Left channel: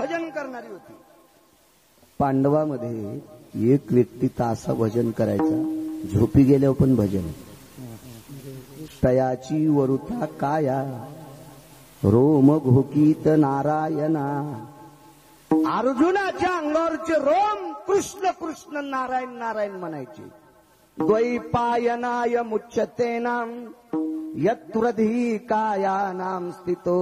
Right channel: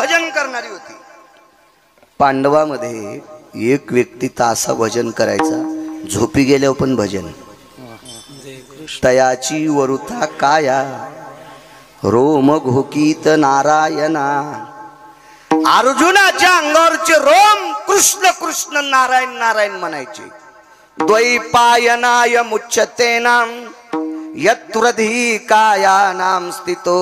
भजन करणारी होती. पांडवामध्ये एक व्यक्ती तासा भजन करायचा, झोपी गेल्यावर पण भजन. तयाची वरुथा काया रोम घोकीत नारायणा. अर्जुनाच्या अंगावरचे रोम कृष्ण कृष्ण नारायण नारायण म्हणायचे. द्वैपायनाय मुच्यतेनाम यत्प्रधी कायानाम स्थितो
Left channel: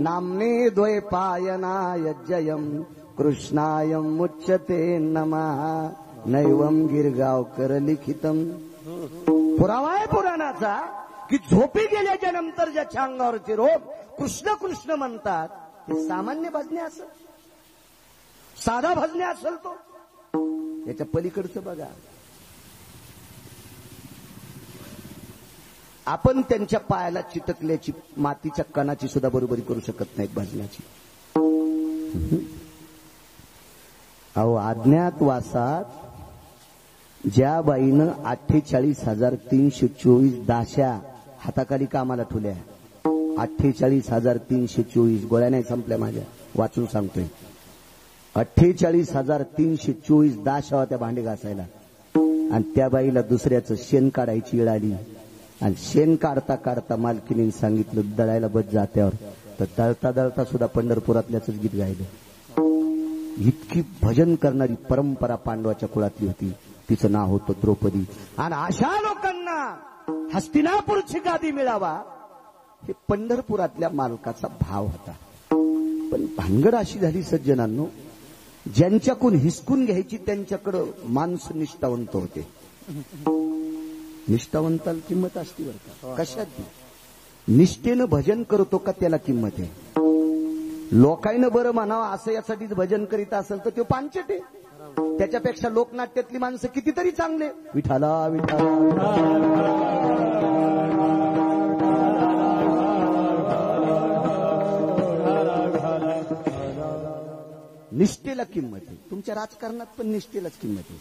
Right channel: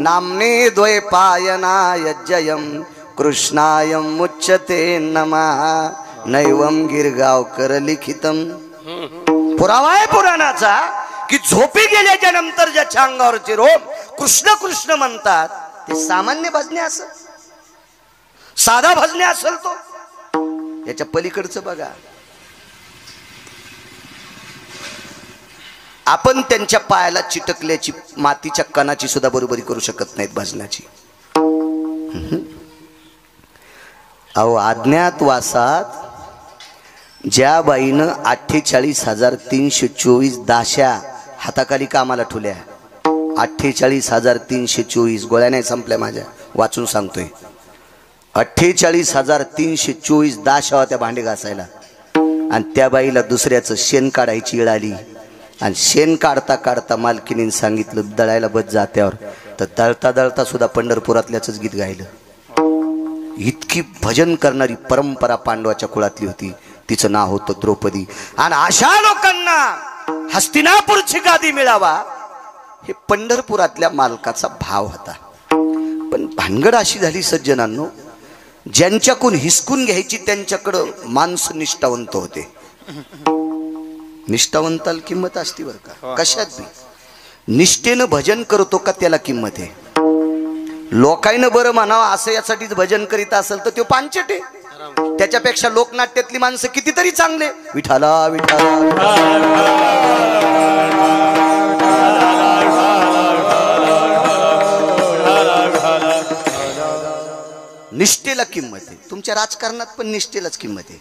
नामने द्वैपायनाय जयम कृष्णाय मुच्यते नमः. नैवम गिरगावकर लिखितम. पुरावा आहे पुराणाचा की झोपी गेल्याच्या नंतर ज्याच्या अंगावरचे रोम कृष्ण कृष्ण म्हणतात ते सामान्य भजने असेल, साधा भजने असेल तो. याच्या पलीकडचं बघा. आपण त्यांच्या पायाला चिटकल्याची मातीच्या कणाची सुद्धा बरोबरी करू शकत नाहीत भजनाची. अहो अज्ञातवासात ज्या बाईनं 48,324 दाशा हाताखाली कामाला ठेवल्या, 48,324 गोळ्या नाही संपल्या माझ्या, वाचून सांगतोय. 48,324 दाशा होत्या भांडे घासायला. आणि त्या बाईला दुसऱ्याचं शेण काढायची वेळ आली आणि शेण काढता काढता मालकीने सांगितलं दळायला बस जात्यावर, तर दळता दळता सुद्धा पंढरपुरातल्याच गीत गायलं. इतकी भजन करणारी परंपरा पांडवाच्या कुळातली होती. तिचं नाव होतं द्रौपदी. आणि अशा लोकांना हस्तिनापूरची गादी मिळावा हे पंढरपुरातल्या मालकाचा भाव होता. पण भानगड अशी झाली सज्जनांनो, ज्यांच्याकडून हिसकून घ्यायची त्यांच्याकडं माणसं निष्ठावंत होते. निष्ठावंताला किंमत असते बरं का, कशात बी. निष्ठेनं भजन करतो का त्याला किंमत आहे. लोकांना बरं म्हणावं असं यासाठीच भजन करीत असेल तर तो पांचट आहे. त्याच्यापेक्षा लोकनाट्यातली माणसं कितीतरी चांगले. विठाला विठाला निष्ठेला किंमत आहे. तुमच्या राजकारणात पण निष्ठेलाच किंमत आहे.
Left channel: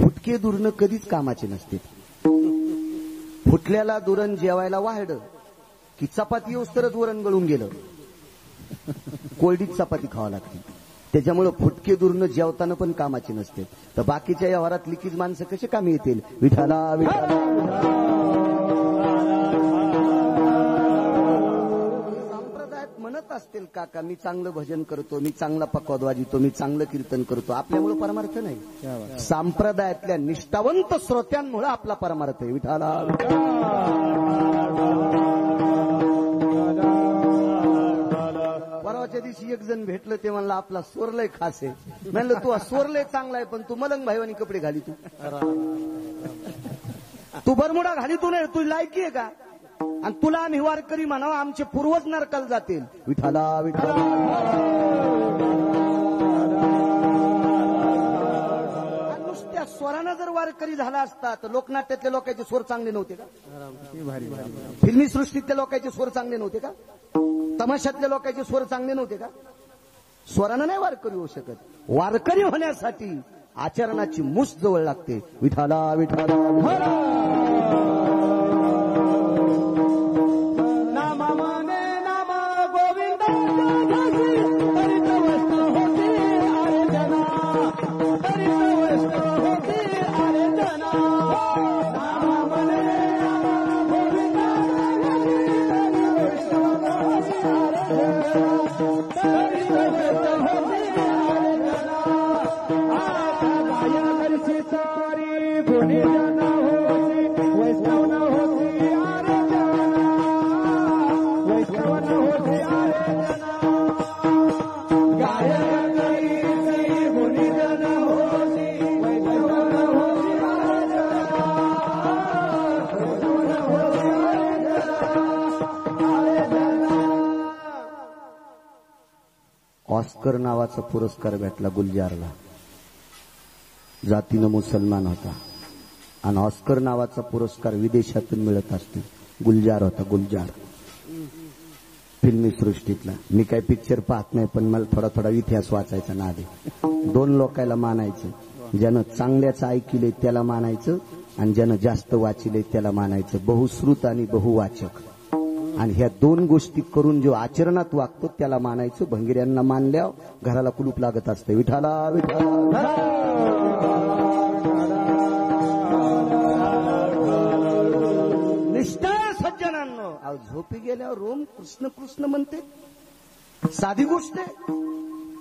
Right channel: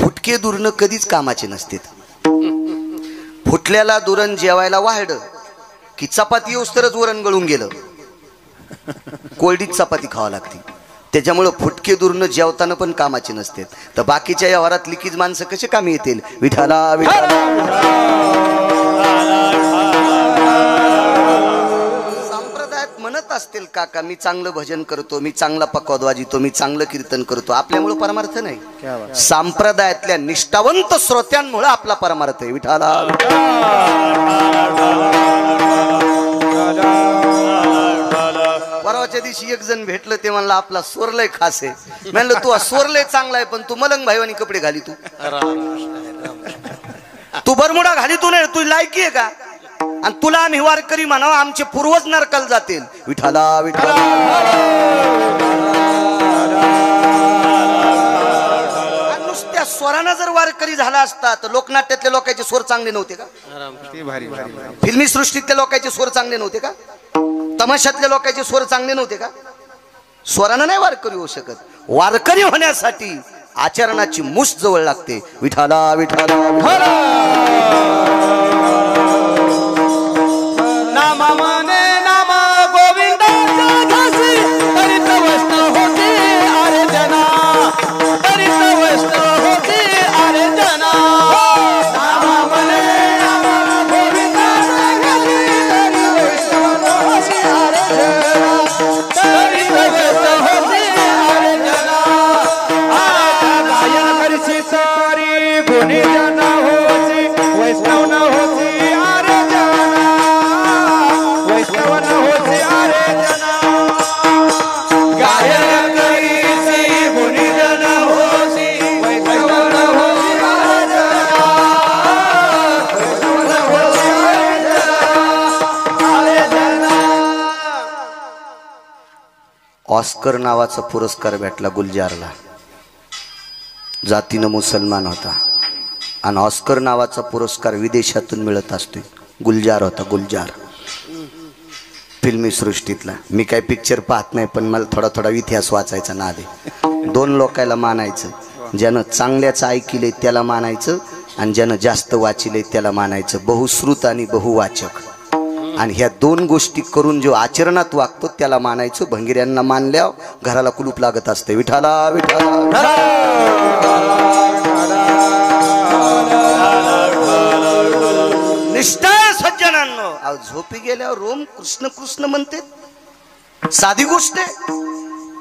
फुटके दुरण कधीच कामाचे नसते. फुटल्याला दुरण जेवायला वाढलं की चपाती येऊस तरच वरण गळून गेलं, कोरडीत चपाती खावा लागते. त्याच्यामुळे फुटके दुरण जेवताना पण कामाचे नसते. तर बाकीच्या या वरात लिकीज माणसं कसे कामी येतील. विठाला विठाला संप्रदायात म्हणत असतील काका मी चांगलं भजन करतो, मी चांगला पकवाद वाजितो, मी चांगलं कीर्तन करतो. आपल्यामुळे परमार्थ नाही, संप्रदायातल्या निष्ठावंत श्रोत्यांमुळे आपला परमार्थ आहे. विठाला परवाच्या दिवशी एक जण भेटलं, ते म्हणलं आपला स्वर लय खास आहे. म्हणलं तू स्वर लय चांगला आहे पण तू मलंग भाईवानी कपडे घाली, तू बरमुडा घाली, तू नाही, तू लायकी आहे का. आणि तुला आम्ही वारकरी म्हणावं, आमचे पूर्वज नरकाला जातील. विठाला विठाला नुसत्या स्वरानं जर वारकरी झाला असता तर लोकनाट्यातल्या लोकांचे स्वर चांगले नव्हते का. फिल्मी सृष्टीतल्या लोकांचे स्वर चांगले नव्हते का. तमाशातल्या लोकांचे स्वर चांगले नव्हते का. स्वरानं नाही वारकरी होऊ शकत. वारकरी होण्यासाठी आचरणाची मूस जवळ लागते. विठाला विठाला ऑस्कर नावाचा पुरस्कार भेटला गुलजारला. जातीनं मुसलमान होता आणि ऑस्कर नावाचा पुरस्कार विदेशातून मिळत असतो. गुलजार होता, गुलजार फिल्मी सृष्टीतला. मी काय पिक्चर पाहत नाही पण मला थोडा थोडा इतिहास वाचायचा नाद आहे. दोन लोकायला मानायचं, ज्यानं चांगल्याचं ऐकिले त्याला मानायचं आणि ज्यानं जास्त वाचिले त्याला मानायचं. बहुश्रुत आणि बहुवाचक. आणि ह्या दोन गोष्टी करून जो आचरणात वागतो त्याला मानायचं. भंगिऱ्यांना मानल्या घराला कुलूप लागत असते. विठाला विठाला निष्ठा सज्जनांनो. झोपी गेल्यावर रोम कृष्ण कृष्ण म्हणते, साधी गोष्ट आहे.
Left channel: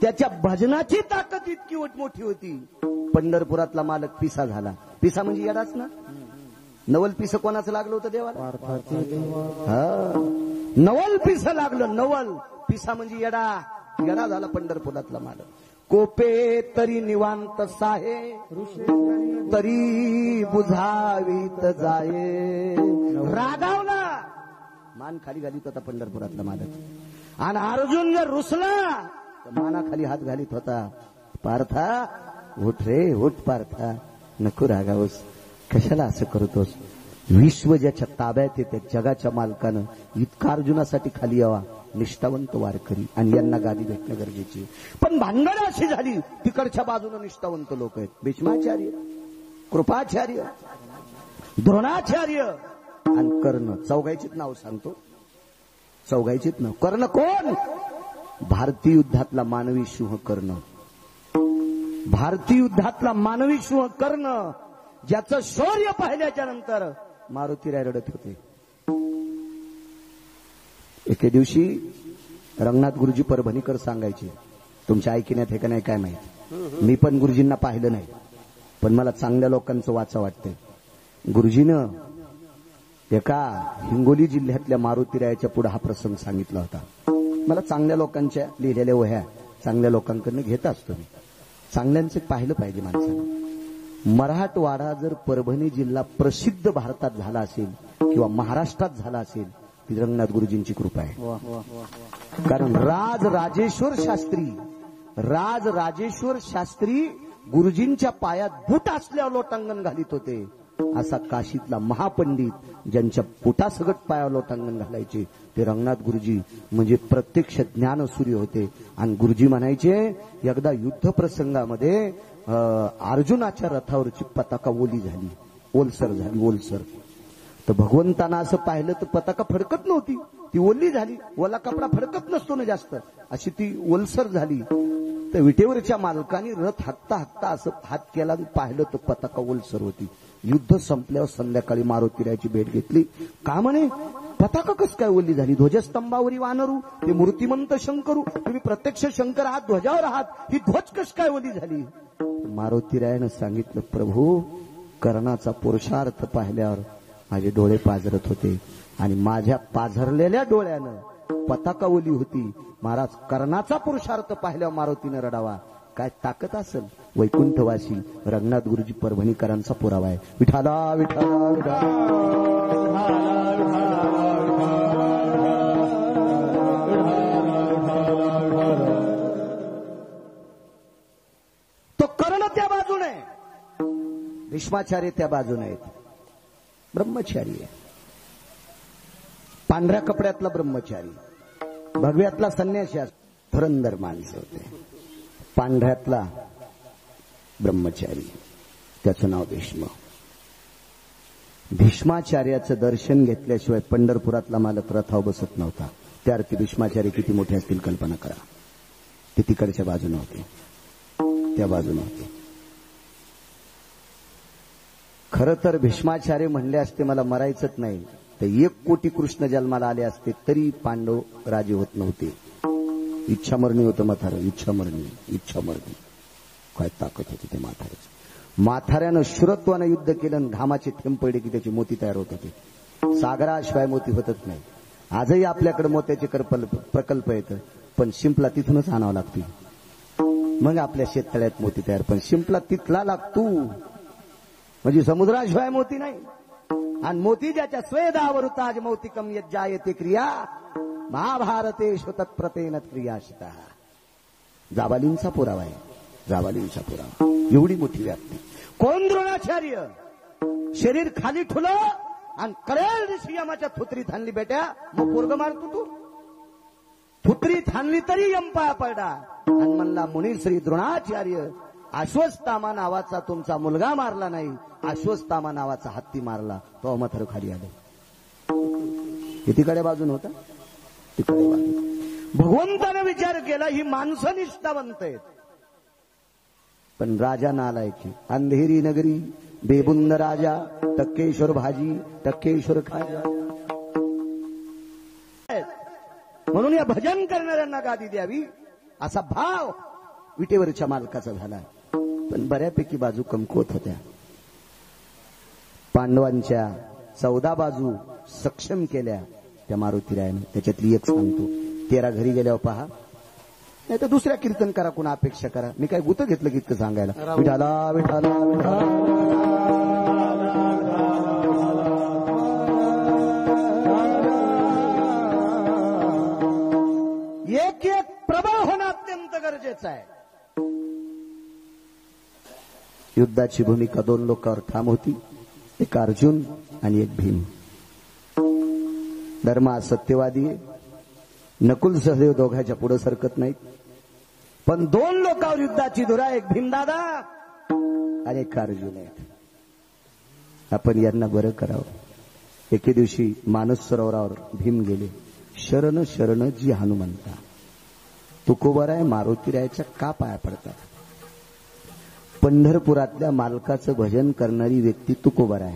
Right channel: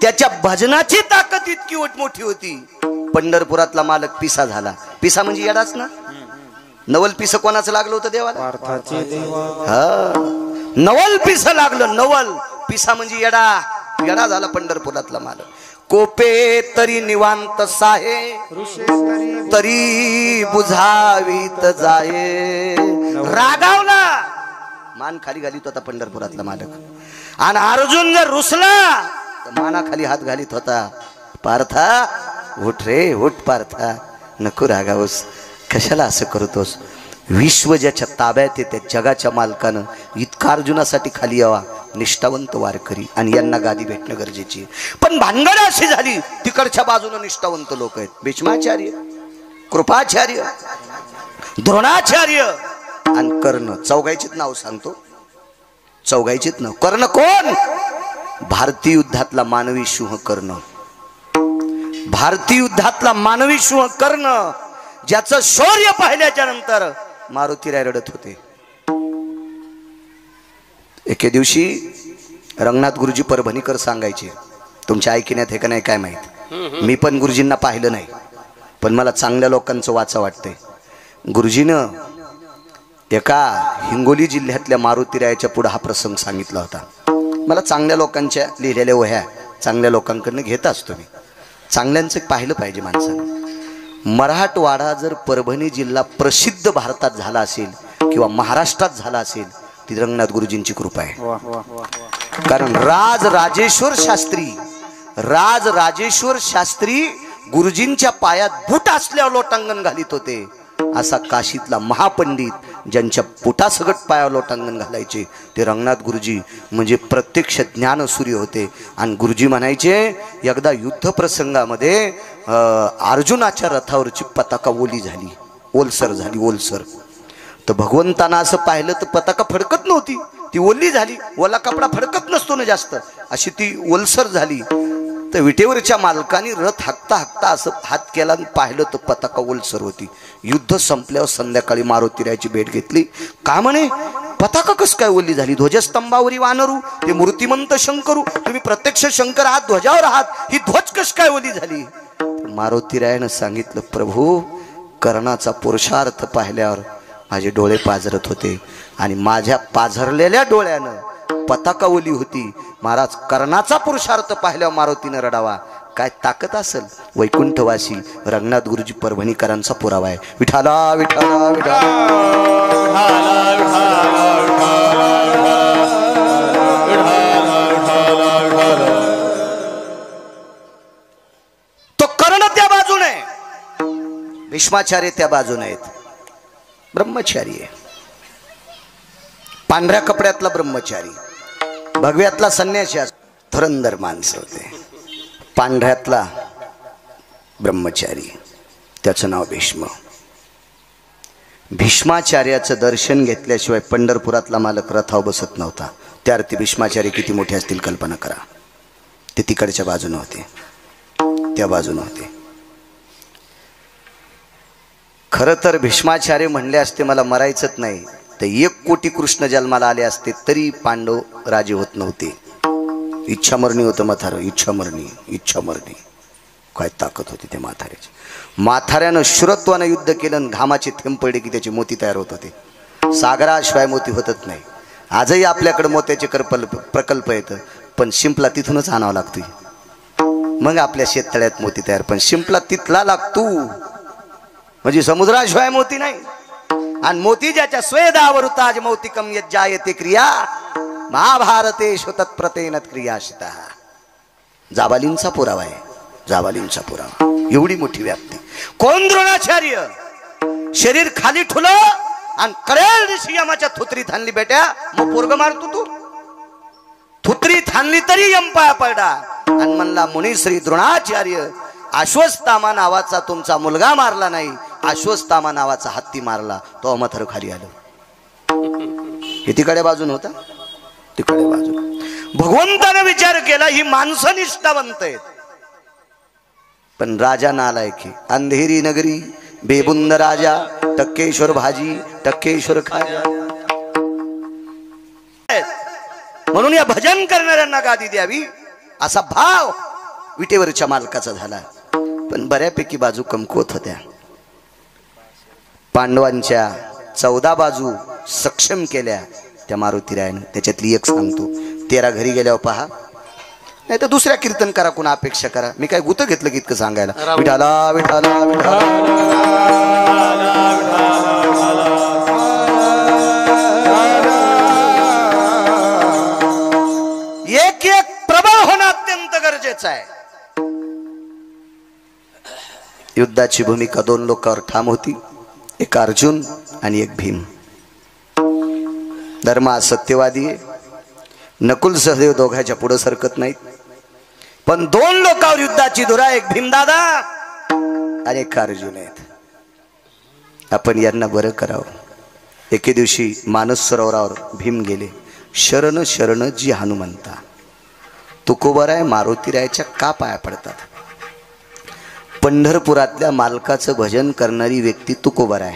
त्याच्या भजनाची ताकद इतकी मोठी होती. पंढरपुरातला मालक पिसा झाला. पिसा म्हणजे येडाच ना. नवल पिस कोणाचं लागलं होतं देवाला? हा, नवल पिस लागलं. नवल पिसा म्हणजे येडा. येडा झाला पंढरपुरातला मालक. कोपे तरी निवांत साहे, तरी बुझावीत जाये. रागावला, मान खाली घालीत होता पंढरपुरातला मालक. आणि अर्जुन जर रुसला तर माना खाली हात घालीत होता. पार्था उठ रे उठ, पार्था नको रागावस, कशाला असं करतोस. विश्व ज्याच्या ताब्यात येते जगाच्या मालकानं इतका अर्जुनासाठी खाली यावा. निष्ठावंत वारकरी आणि यांना गादी भेटणं गरजेची आहे. पण भानगड अशी झाली, तिकडच्या बाजूने निष्ठावंत लोक आहेत. भीष्माचार्य, कृपाचार्य, द्रोणाचार्य आणि कर्ण. चौघायचीच नाव सांगतो, चौघायचीच नाव. कर्ण कोण? भारतीय युद्धातला मानवी सिंह कर्ण. भारतीय युद्धातला मानवी सिंह कर्ण, ज्याचं शौर्य पाहिल्याच्या नंतर मारुतीराय रडत होते. एके दिवशी रंगनाथ गुरुजी परभणीकर सांगायचे, तुमच्या ऐकण्यात हे का नाही काय माहित, मी पण गुरुजींना पाहिलं नाही पण मला चांगल्या लोकांचं वाचा वाटतंय. गुरुजीनं एका हिंगोली जिल्ह्यातल्या मारुतीरायाच्या पुढे हा प्रसंग सांगितला होता. मला चांगल्या लोकांच्या लिहिलेल्या वह्या चांगल्या लोकांकडनं घेत असतो मी. चांगल्यांचं पाहिलं पाहिजे माणसानं. मराठवाडा जर परभणी जिल्हा प्रसिद्ध भारतात झाला असेल किंवा महाराष्ट्रात झाला असेल ती रंगनाथ गुरुजींची कृपा आहे. कारण राजराजेश्वर शास्त्री गुरुजींच्या पायात बूट असल्यावर लोटांगण घालीत होते. असा काशीतला महापंडित ज्यांच्या पोटासगट पायावर लोटांगण घालायचे ते रंगनाथ गुरुजी म्हणजे प्रत्यक्ष ज्ञानसूर्य होते. आणि गुरुजी म्हणायचे, एकदा युद्ध प्रसंगामध्ये अर्जुनाच्या रथावरची पताका ओली झाली, ओलसर झाली, ओलसर. तर भगवंतांना असं पाहिलं तर पताका फडकत नव्हती, ती ओली झाली. ओला कपडा फडकत नसतो ना जास्त, अशी ती ओलसर झाली. तर विटेवरच्या मालकाने रथ हाकता हाकता असं हात केला आणि पाहिलं तर पताका ओलसर होती. युद्ध संपल्यावर संध्याकाळी मारुतीरायाची भेट घेतली. का म्हणे पताका कस काय ओली झाली? ध्वजस्तंभावरी वानरू, ते मूर्तिमंत शंकरू, तुम्ही प्रत्यक्ष शंकर आहात, ध्वजावर आहात, ही ध्वज कस काय ओली झाली? मारुतीरायानं सांगितलं, प्रभू कर्णाचा पुरुषार्थ पाहिल्यावर माझे डोळे पाझरत होते आणि माझ्या पाझरलेल्या डोळ्यानं पताका ओली होती. महाराज कर्णाचा पुरुषार्थ पाहिल्यावर मारुतीनं रडावा. काय ताकद असेल. वैकुंठवासी रंगनाथ गुरुजी परभणीकरांचा पुरावा आहे. विठाला विठाला विठाला. तो कर्ण त्या बाजूने, भीष्माचार्य त्या बाजूने आहेत. ब्रह्मचारी आहे, पांढऱ्या कपड्यातला ब्रह्मचारी, भगव्यातला संन्यासी. धुरंधर माणसं होते. पांढऱ्यातला ब्रह्मचारी, त्याचं नाव भीष्म. भीष्माचार्याचं दर्शन घेतल्याशिवाय पंढरपुरातला मालक रथावर बसत नव्हता. त्या अर्थी भीष्माचार्य किती मोठे असतील कल्पना करा. ते तिकडच्या बाजूने होते, त्या बाजूने होते. खरं तर भीष्माचार्य म्हणले असते मला मरायचंच नाही तर 1 कोटी कृष्ण जन्माला आले असते तरी पांडव राजे होत नव्हते. इच्छामरणी होतं म्हातारं, इच्छामरणी. काय ताकद होती त्या म्हाताऱ्याची. म्हाताऱ्यानं शुरत्वानं युद्ध केलं आणि घामाचे थेंब पडले की त्याचे मोती तयार होत होते. सागराशिवाय मोती होतच नाही. आजही आपल्याकडे मोत्याचे प्रकल्प येतं पण शिंपला तिथूनच आणावा लागतोय. मग आपल्या शेततळ्यात मोती तयार, पण शिंपला तिथला लागतो म्हणजे समुद्राशिवाय मोती नाही. आणि मोती ज्याच्या स्वेदावरुताज मौतिकम यज्जायते क्रिया महाभारतेषु तत्प्रतेन क्रियाशिता. जाबालींचा पुरावा आहे, जाबालींचा पुरावा. एवढी मोठी व्याप्ती. कोण? द्रोणाचार्य. शरीर खाली ठुलं आणि कळेल ऋषी यमाच्या थुत्रीत हाणली बेट्या, मग पोरग मारतो तू. थुत्रीत हाणली तरी यम पाया पडला आणि म्हणला, मुनिश्री द्रोणाचार्य, अश्वत्थामा नावाचा तुमचा मुलगा मारला नाही, अश्वत्थामा नावाचा हत्ती मारला. तो म्हातारं खाली आलं. हे तिकडे बाजून होता, तिकडे बाजून. भगवंताने विचार केला ही माणसं निष्ठावंत आहेत, पण राजा नालायक. अंधेरी नगरी बेबुंद राजा, टक्केश्वर भाजी टक्केश्वर खाजा. म्हणून या भजन करणाऱ्यांना गादी द्यावी असा भाव विटेवरच्या मालकाचा झाला. पण बऱ्यापैकी बाजू कमकुवत होत्या. पांडवांच्या 14 बाजू सक्षम केल्या त्या मारुतीरायानं. त्याच्यातली एक सांगतो. 13 घरी गेल्यावर पहा, नाही तर दुसऱ्या कीर्तनकारा कोणा अपेक्षा करा. मी काय गुत घेतलं की इतकं सांगायला. विठाला विठाला विठाला एक एक प्रबळ होणं अत्यंत गरजेचं आहे. युद्धाची भूमिका 2 लोकांवर ठाम होती, एक अर्जुन आणि एक भीम. धर्म सत्यवादी आहे. नकुल सहदेव दोघांच्या पुढे सरकत नाहीत. पण 2 लोकांवर युद्धाची धुरा, एक भीमदादा आणि एक अर्जुन आहेत. आपण यांना बरं करावं. एके दिवशी मानस सरोवरावर भीम गेले. शरण शरण जी हनुमंता. तुकोबराय मारुतीरायाच्या का पाया पडतात? पंढरपुरातल्या मालकाचं भजन करणारी व्यक्ती तुकोबराय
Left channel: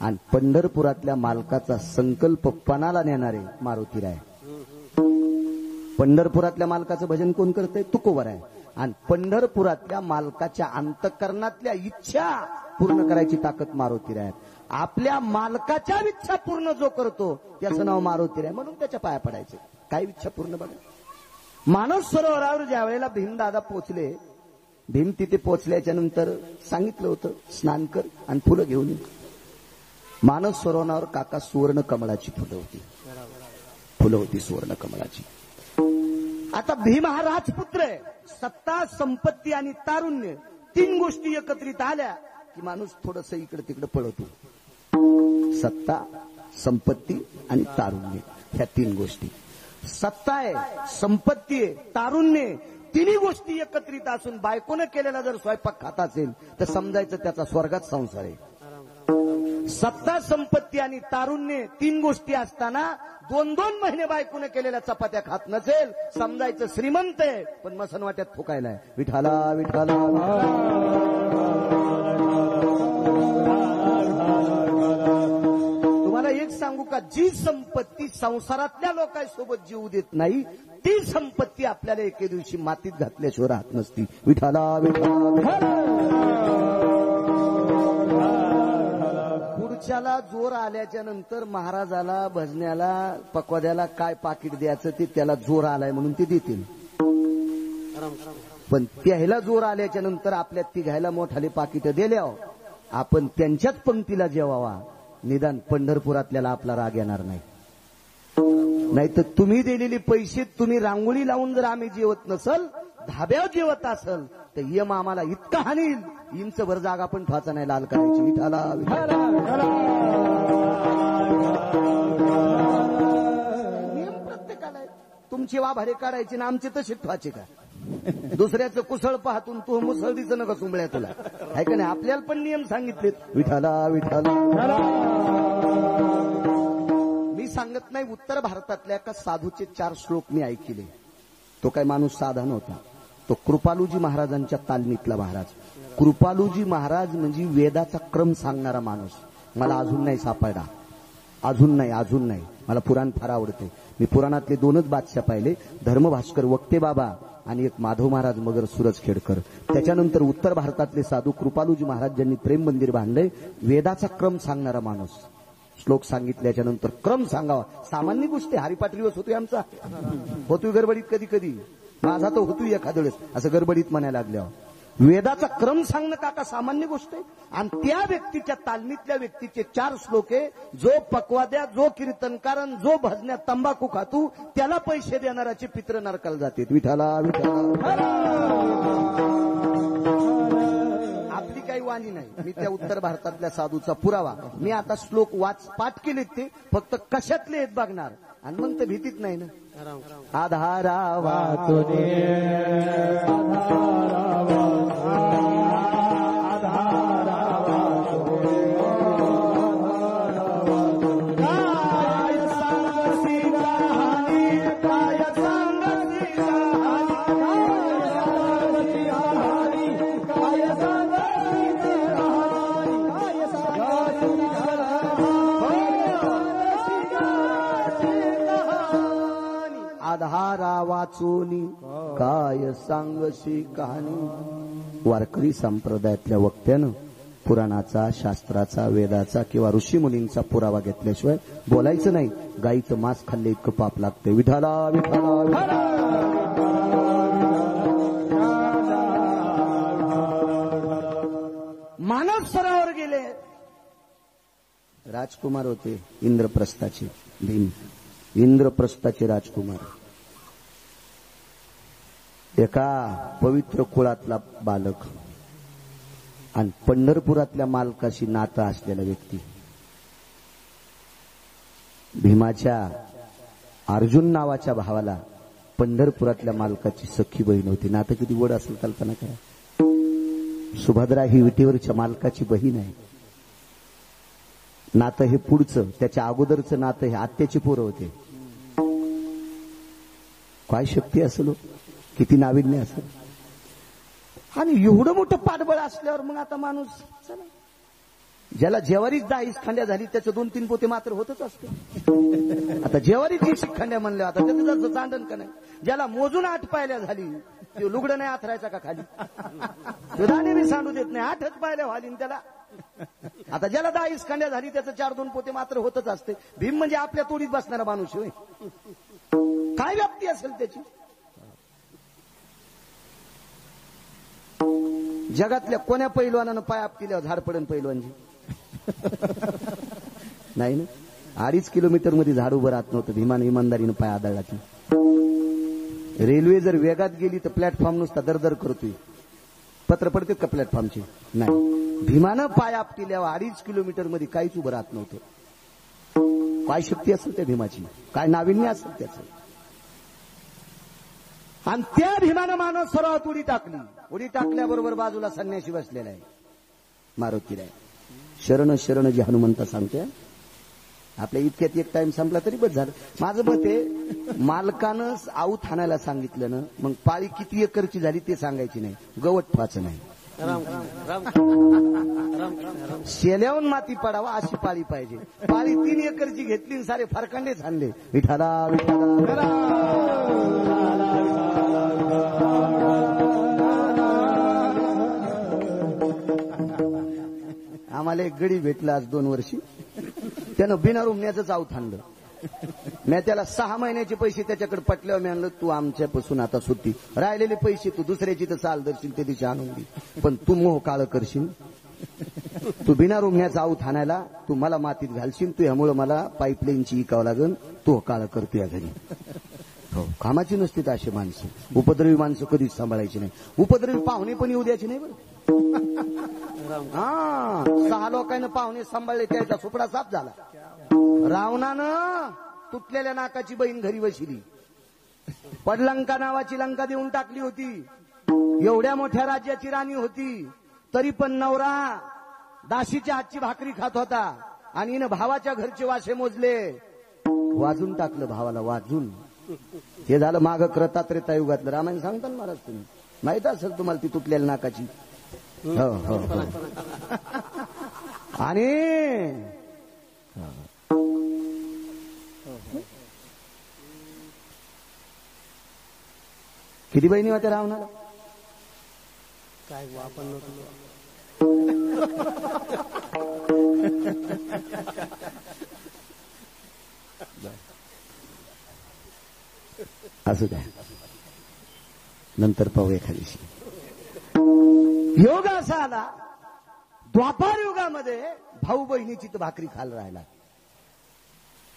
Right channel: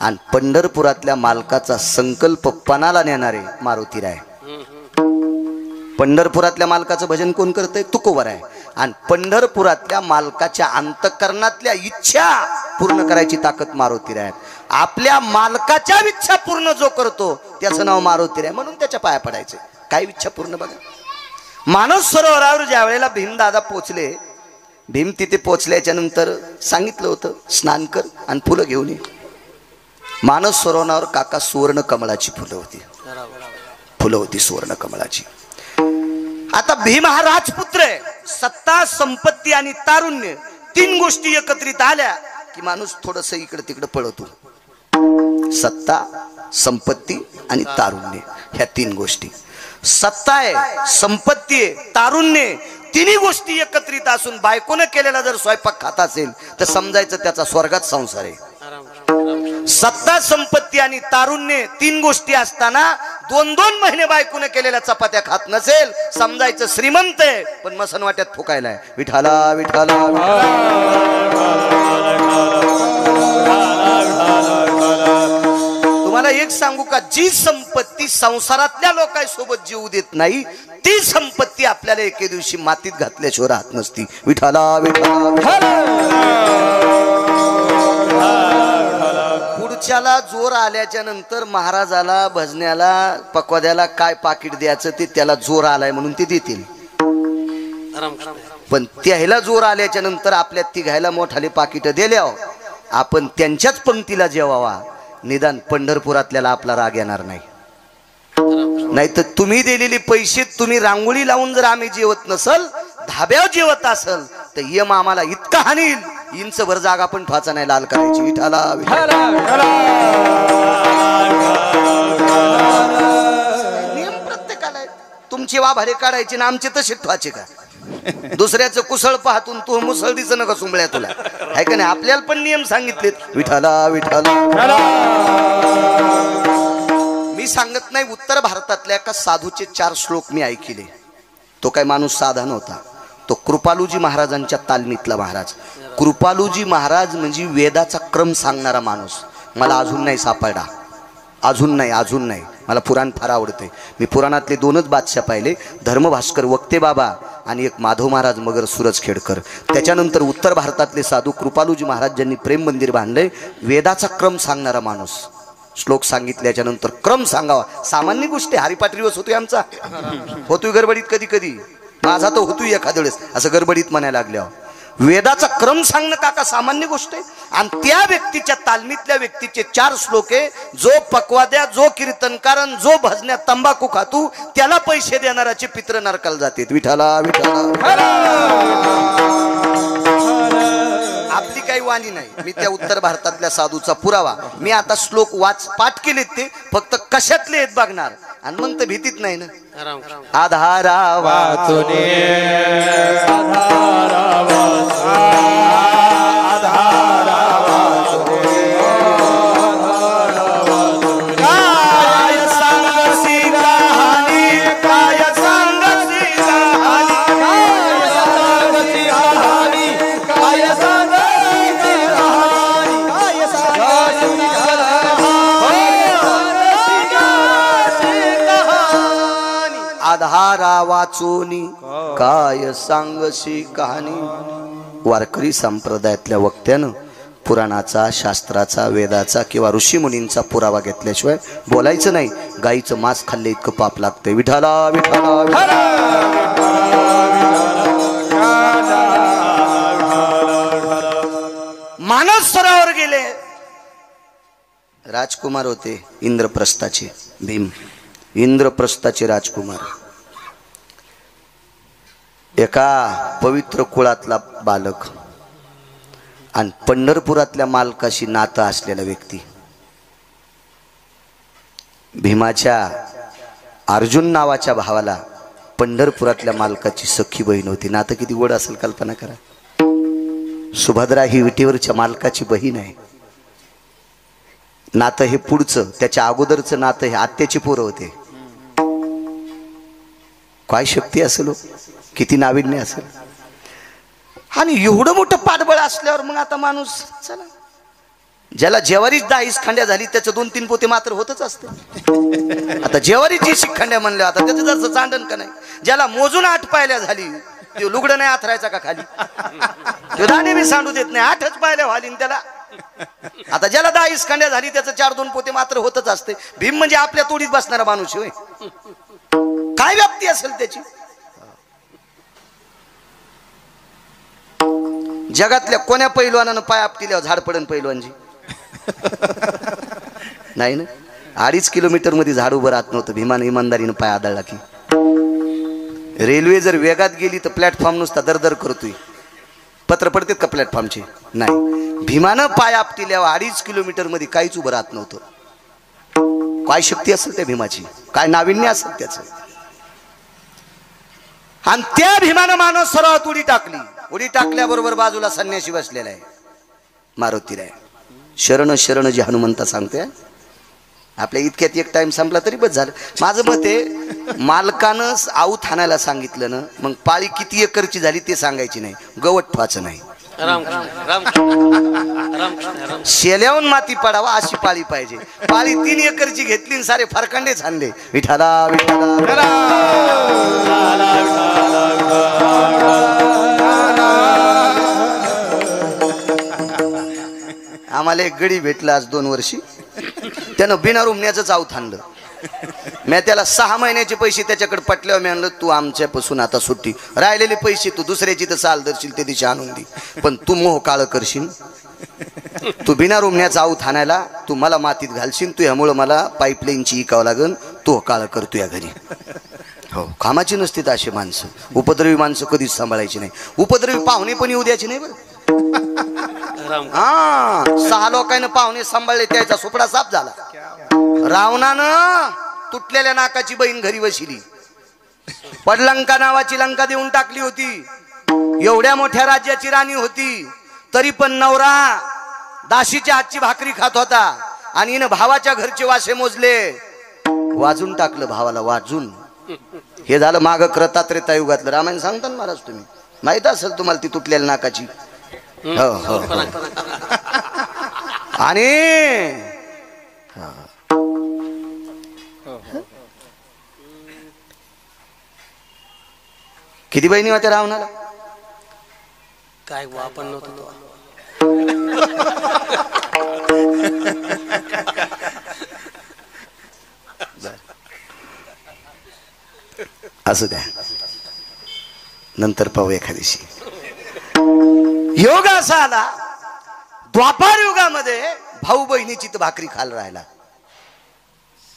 आणि पंढरपुरातल्या मालकाचा संकल्प पणाला नेणारे मारुतीराय. पंढरपुरातल्या मालकाचं भजन कोण करतंय? तुकोबराय. आणि पंढरपुरातल्या मालकाच्या अंतःकरणातल्या इच्छा पूर्ण करायची ताकद मारुतीराय. आपल्या मालकाच्या इच्छा पूर्ण जो करतो त्याचं नाव मारुतीराय, म्हणून त्याच्या पाया पडायचे. काय इच्छा पूर्ण बघा. मानस सरोवरावर ज्या वेळेला भीमदादा पोचले, भीम तिथे पोचल्याच्या नंतर सांगितलं होतं स्नान कर आणि फुलं घेऊन ये. मानस सरोवरावर काका सुवर्ण कमळाची फुलं होती, फुलं होती सुवर्ण कमळाची. आता भीम हा राजपुत्र आहे. सत्ता, संपत्ती आणि तारुण्य 3 गोष्टी एकत्रित आल्या की माणूस थोडस इकडे तिकडे पळतो. सत्ता, संपत्ती आणि तारुण्य, ह्या 3 गोष्टी. सत्ता आहे, संपत्ती आहे, तारुण्य, तिन्ही गोष्टी एकत्रित असून बायकोने केलेला जर स्वयंपाक खात असेल तर समजायचं त्याचा स्वर्गात संसार आहे. सत्ता, संपत्ती आणि तारुण्य 3 गोष्टी असताना 2-2 महिने बायकोने केलेल्या चपात्या खात नसेल, समजायचं श्रीमंत आहे, पण मसन वाट्यात फुकायलाय. विठाला विठाला तुम्हाला एक सांगू का, जी संपत्ती संसारातल्या लोकांसोबत जीव देत नाही ती संपत्ती आपल्याला एके दिवशी मातीत घातल्याशिवाय राहत नसती. विठाला विठाला. पुढच्याला जोर आल्याच्या नंतर महाराजाला, भजन्याला, पकवाद्याला काय पाकिट द्यायचं ते त्याला जोर आलाय म्हणून ते देतील. पण त्याला जोर आल्याच्या नंतर आपल्या तिघायला मोठाले पाकिट दिल्यावर आपण त्यांच्याच पंक्तीला जेवावा. निदान पंढरपुरातल्याला आपला राग येणार नाही. नाहीतर तुम्ही दिलेले पैसे तुम्ही रांगोळी लावून जर आम्ही जेवत नसल, धाब्यावर जेवत असल तर यम आम्हाला इतका हानील, इंच भर जागा पण फाचा नाही लाल करायची. विठाला नियम प्रत्येकाला आहे. तुमची वाभारे काढायची ना आमचे तसे ठेवायचे का? दुसऱ्याचं कुसळ पाहतून तू मुसळदीचं नका सुंबळ्या तुला आहे का नाही? आपल्याला पण नियम सांगितलेत. विठाला विठाला. मी सांगत नाही, उत्तर भारतातल्या एका साधूचे 4 श्लोक मी ऐकले. तो काय माणूस साधा नव्हता, तो कृपालूजी महाराजांच्या तालमीतला महाराज. कृपालूजी महाराज म्हणजे वेदाचा क्रम सांगणारा माणूस. मला अजून नाही सापडला, अजून नाही. मला पुराण फार आवडते. मी पुराणातले 2च बादशाह पाहिले, धर्मभास्कर वक्ते बाबा आणि एक माधव महाराज मगर सुरजखेडकर. त्याच्यानंतर उत्तर भारतातले साधू कृपालूजी महाराज ज्यांनी प्रेम मंदिर बांधले. वेदाचा क्रम सांगणारा माणूस. श्लोक सांगितल्याच्या नंतर क्रम सांगावा. सामान्य गोष्टी हरिपाठ दिवस होतोय आमचा, होतोय गडबडीत कधी कधी, माझा तो होतोय एखाद्या वेळेस असं गडबडीत म्हणायला लागल्यावर. वेदाचा क्रम सांगणं काका सामान्य गोष्ट आहे. आणि त्या व्यक्तीच्या तालमीतल्या व्यक्तीचे 4 श्लोक आहे. जो पकवाद्या, जो कीर्तनकारण, जो भजन्यात तंबाखू खातू त्याला पैसे देणाराचे पित्र नरकाला जातात. विठाला विठाला. आपली काही वाणी नाही. मी त्या उत्तर भारतातल्या साधूचा पुरावा. मी आता श्लोक पाठ केलेत, ते फक्त कशातले आहेत बघणार आणि मग तर भीतीत नाही ना. आधारा वाचुने काय सांग पहारा वाचोनी काय सांगशी कहाणी. वारकरी संप्रदायातल्या वक्त्यानं पुराणाचा, शास्त्राचा, वेदाचा किंवा ऋषीमुनींचा पुरावा घेतल्याशिवाय बोलायचं नाही. गाईचं मांस खाल्ले इतकं पाप लागतंय. विठाला विठाला विठाला. मानस सरोवर गेले. राजकुमार होते इंद्रप्रस्थाचे. भीम इंद्रप्रस्थाचे राजकुमार. एका पवित्र कुळातला बालक आणि पंढरपुरातल्या मालकाशी नातं असलेला व्यक्ती. भीमाच्या अर्जुन नावाच्या भावाला पंढरपुरातल्या मालकाची सख्खी बहीण होती. नातं किती गोड असेल कल्पना करा. सुभद्रा ही विटेवरच्या मालकाची बहीण आहे. नातं हे पुढचं, त्याच्या अगोदरचं नातं हे आत्याची पोरं होते. काय शक्ती असेल, किती नाविन्य असेल. आणि एवढं मोठं पाठबळ असल्यावर मग आता माणूस चला, ज्याला जेवारीच 10 खांड्या झाली त्याचं 2-3 पोते मात्र होतच असते. आता जेवारीची शिखंड्या म्हणल्या, आता त्याचं जसं चांडण का नाही. ज्याला मोजून 8 पायल्या झाली ते लुगडं नाही आथरायचा का खाली, तो दाणे बी सांडू देत नाही. 8च पायल्या व्हाली त्याला. आता ज्याला 10 खांड्या झाली त्याचं 4-2 पोते मात्र होतच असते. भीम म्हणजे आपल्या तोडीत बसणारा माणूस होय. काय व्याप्ती असेल त्याची. जगातल्या कोण्या पैलवानानं पाय आपटिल्यावर झाड पडन पैलवानजी नाही ना. 2.5 किलोमीटर मध्ये झाड उभं राहत नव्हतं. भीमानं इमानदारीनं पाय आदळला की. रेल्वे जर वेगात गेली तर प्लॅटफॉर्म नुसता दरदर करतोय. पत्र पडतात का प्लॅटफॉर्मचे? नाही. भीमानं पाय आपटिल्यावर 2.5 किलोमीटर मध्ये काहीच उभं राहत नव्हतं. काय शक्ती असेल त्या भीमाची, काय नाविन्य असेल त्याचं. आणि त्या भीमानं मानस सरोवरात उडी टाकली. उडी टाकल्याबरोबर बाजूला संन्यासी बसलेला आहे, मारुतीराय. शरण शरण जी हनुमंता सांगते. आपल्या इतक्यात एक टाइम संपला तरी बस झालं. माझं मत आहे, मालकानं आऊत हाणायला सांगितलं ना, मग पाळी किती एकरची झाली ते सांगायची नाही, गवत ठेवायचं नाही. शेल्याहून माती पडावा अशी पाळी पाहिजे. पाळी 3 एकरची घेतली आणि सारे फरकंडे छानले. विठाला विठाला. आम्हाला एक गडी भेटला आज 2 वर्षी. त्यानं बिना रुमण्याचंच आऊत आणलं. मी त्याला 6 महिन्याचे पैसे त्याच्याकडे पटल्यावर मी म्हणलं, तू आमच्यापासून आता सुट्टी. राहिलेले पैसे तू दुसऱ्याची तर चाल धरशील ते दिशा आणून दे, पण तू मोह काळ करशील. तू बिना रुमण्याचा आऊत आणायला तू मला मातीत घालशील. तू ह्यामुळं मला पाईपलाईनची इकावं लागन. तू काळ करतो या घरी. हो, कामाची नसतील अशी माणसं. उपद्रवी माणसं कधीच सांभाळायची नाही. उपद्रवी पाहुणे पण येऊ द्यायचे नाही बरं. हा, 6 लोकांना पाहुणे सांभाळले, त्याचा सुपडा साफ झाला. रावणानं तुटलेल्या नाकाची बहीण घरी बसली. पडलंका नावाची लंका देऊन टाकली होती. एवढ्या मोठ्या राज्याची राणी होती, तरी पण नवरा दाशीच्या हातची भाकरी खात होता. आणि हिनं भावाच्या घरचे वासे मोजले. वाजून टाकलं भावाला, वाजून. हे झालं माग क्रतात्रेता युगातलं. रामायण सांगता ना महाराज तुम्ही, माहित असेल तुम्हाला ती तुटलेल्या नाकाची. हो हो. आणि किती बहिणी होत्या रावणाला? काय आपण नव्हतो. असू द्या, नंतर पाहू एखाद्याशी. योग असा आला, द्वापार युगामध्ये भाऊ बहिणीची तर भाकरी खाल राहिला.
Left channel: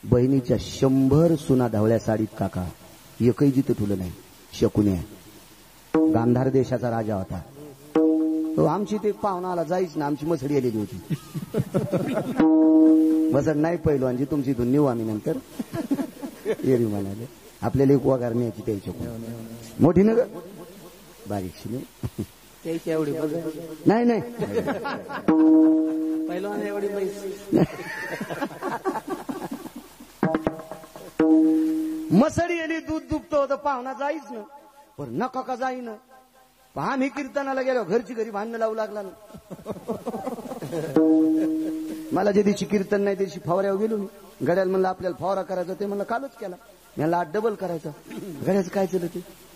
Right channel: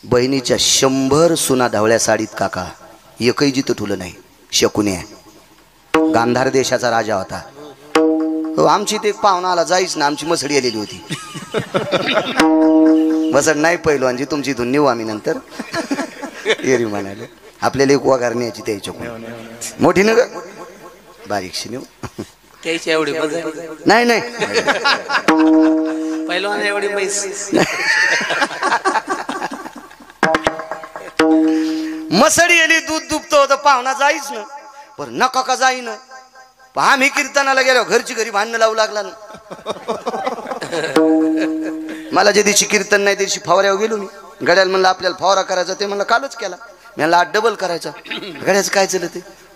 बहिणीच्या 100 सुना ढवळ्या साडीत काका, एकही जिथं ठुलं नाही. शकुनी गांधार देशाचा राजा होता. हो, आमची ते पाहुणा आला जाईच ना, आमची मसडी आलेली होती. मसड नाही पहिलवानजी, तुमची इथून नेऊ आम्ही नंतर. एरी म्हणाले आपल्याला एक वगार न्यायची त्याच्या मोठी न बारीकशी नेऊ. त्याची एवढी नाही नाही पहिलवान एवढी पैस. मसडी आली, दूध दुभतो होतं, पाहुणा जाईच ना. पण नका का जाईन. आम्ही कीर्तनाला गेलो, घरची घरी भांडणं लावू लागला ना. मला ज्या दिवशी कीर्तन नाही त्या दिवशी फवाऱ्यावर गेलो मी. गड्याला म्हणलं आपल्याला फवारा करायचा, ते म्हणलं कालच केला. मी म्हणलं 8 डबल करायचा. गड्याचं काय चाललं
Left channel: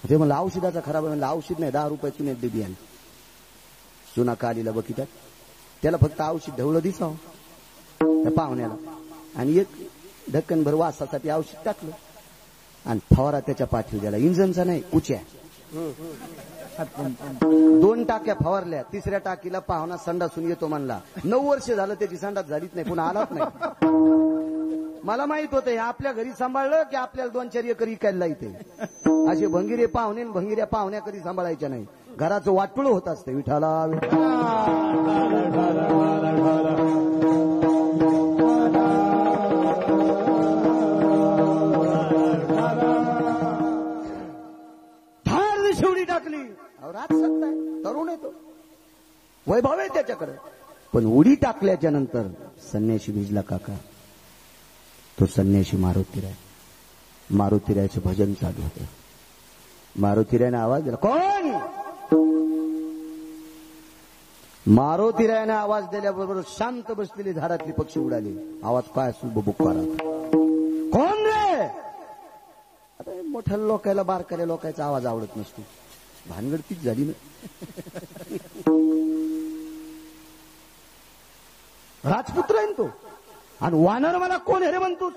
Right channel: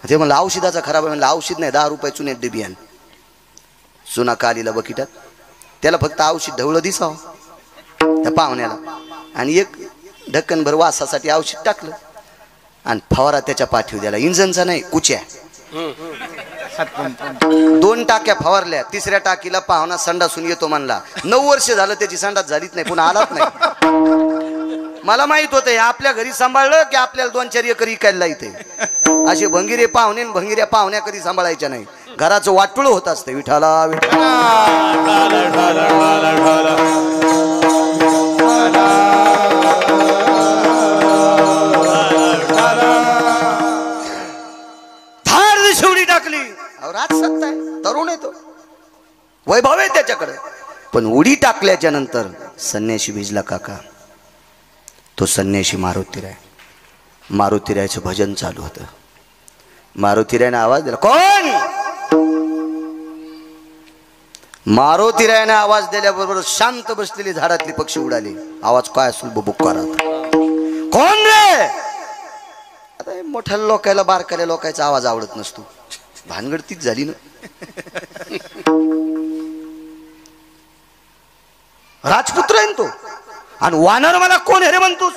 ते म्हणलं औषधाचा खराब आहे. म्हणलं औषध नाही, 10 रुपये चुन्यात डबी आण. चुना कालीला बकिटात, त्याला फक्त औषध ढवळं दिसावं त्या पाहुण्याला, आणि एक ढक्कनभर वासासाठी औषध टाकलं आणि फवारा त्याच्या पाठीवर द्याला. इंजनचा नाही, कुच्या. 2 टाक्या फवारल्या. 3ऱ्या टाकीला पाहुणा संडासून येतो म्हणला. 9 वर्ष झालं त्याची संडास झालीच नाही, पुन्हा आलाच नाही. मला माहित होतं आपल्या घरी सांभाळलं की आपल्याला 2-4 एकर इकायला इथे. असे भंगिरे पाहुणे भंगिऱ्या पाहुण्या कधी सांभाळायच्या नाही. घराचं वाटुळ होत असतं. विठाला विठाला शेवटी टाकली. राजसत्ता आहे, तरुण आहे तो, वैभव आहे त्याच्याकडे. पण उडी टाकल्याच्या नंतर संन्याशी भिजला काका. तो संन्याशी मारुतीराय. मारुतीरायचं भजन चालू होतं. मारुतीरायने आवाज दिला. कोण? मारुतीरायने आवाज दिल्याबरोबर शांत बसलेली झाडातली पक्षी उडाली. आवाज काय असेल बुबुक्कारा. कोण रे? आता मोठ्या लोकायला बारकाल्या लोकांचा आवाज आवडत नसतो. भानगड तीच झाली ना. राजपुत्र आहे तो. आणि वानर मला कोण आहे रे म्हणतोस?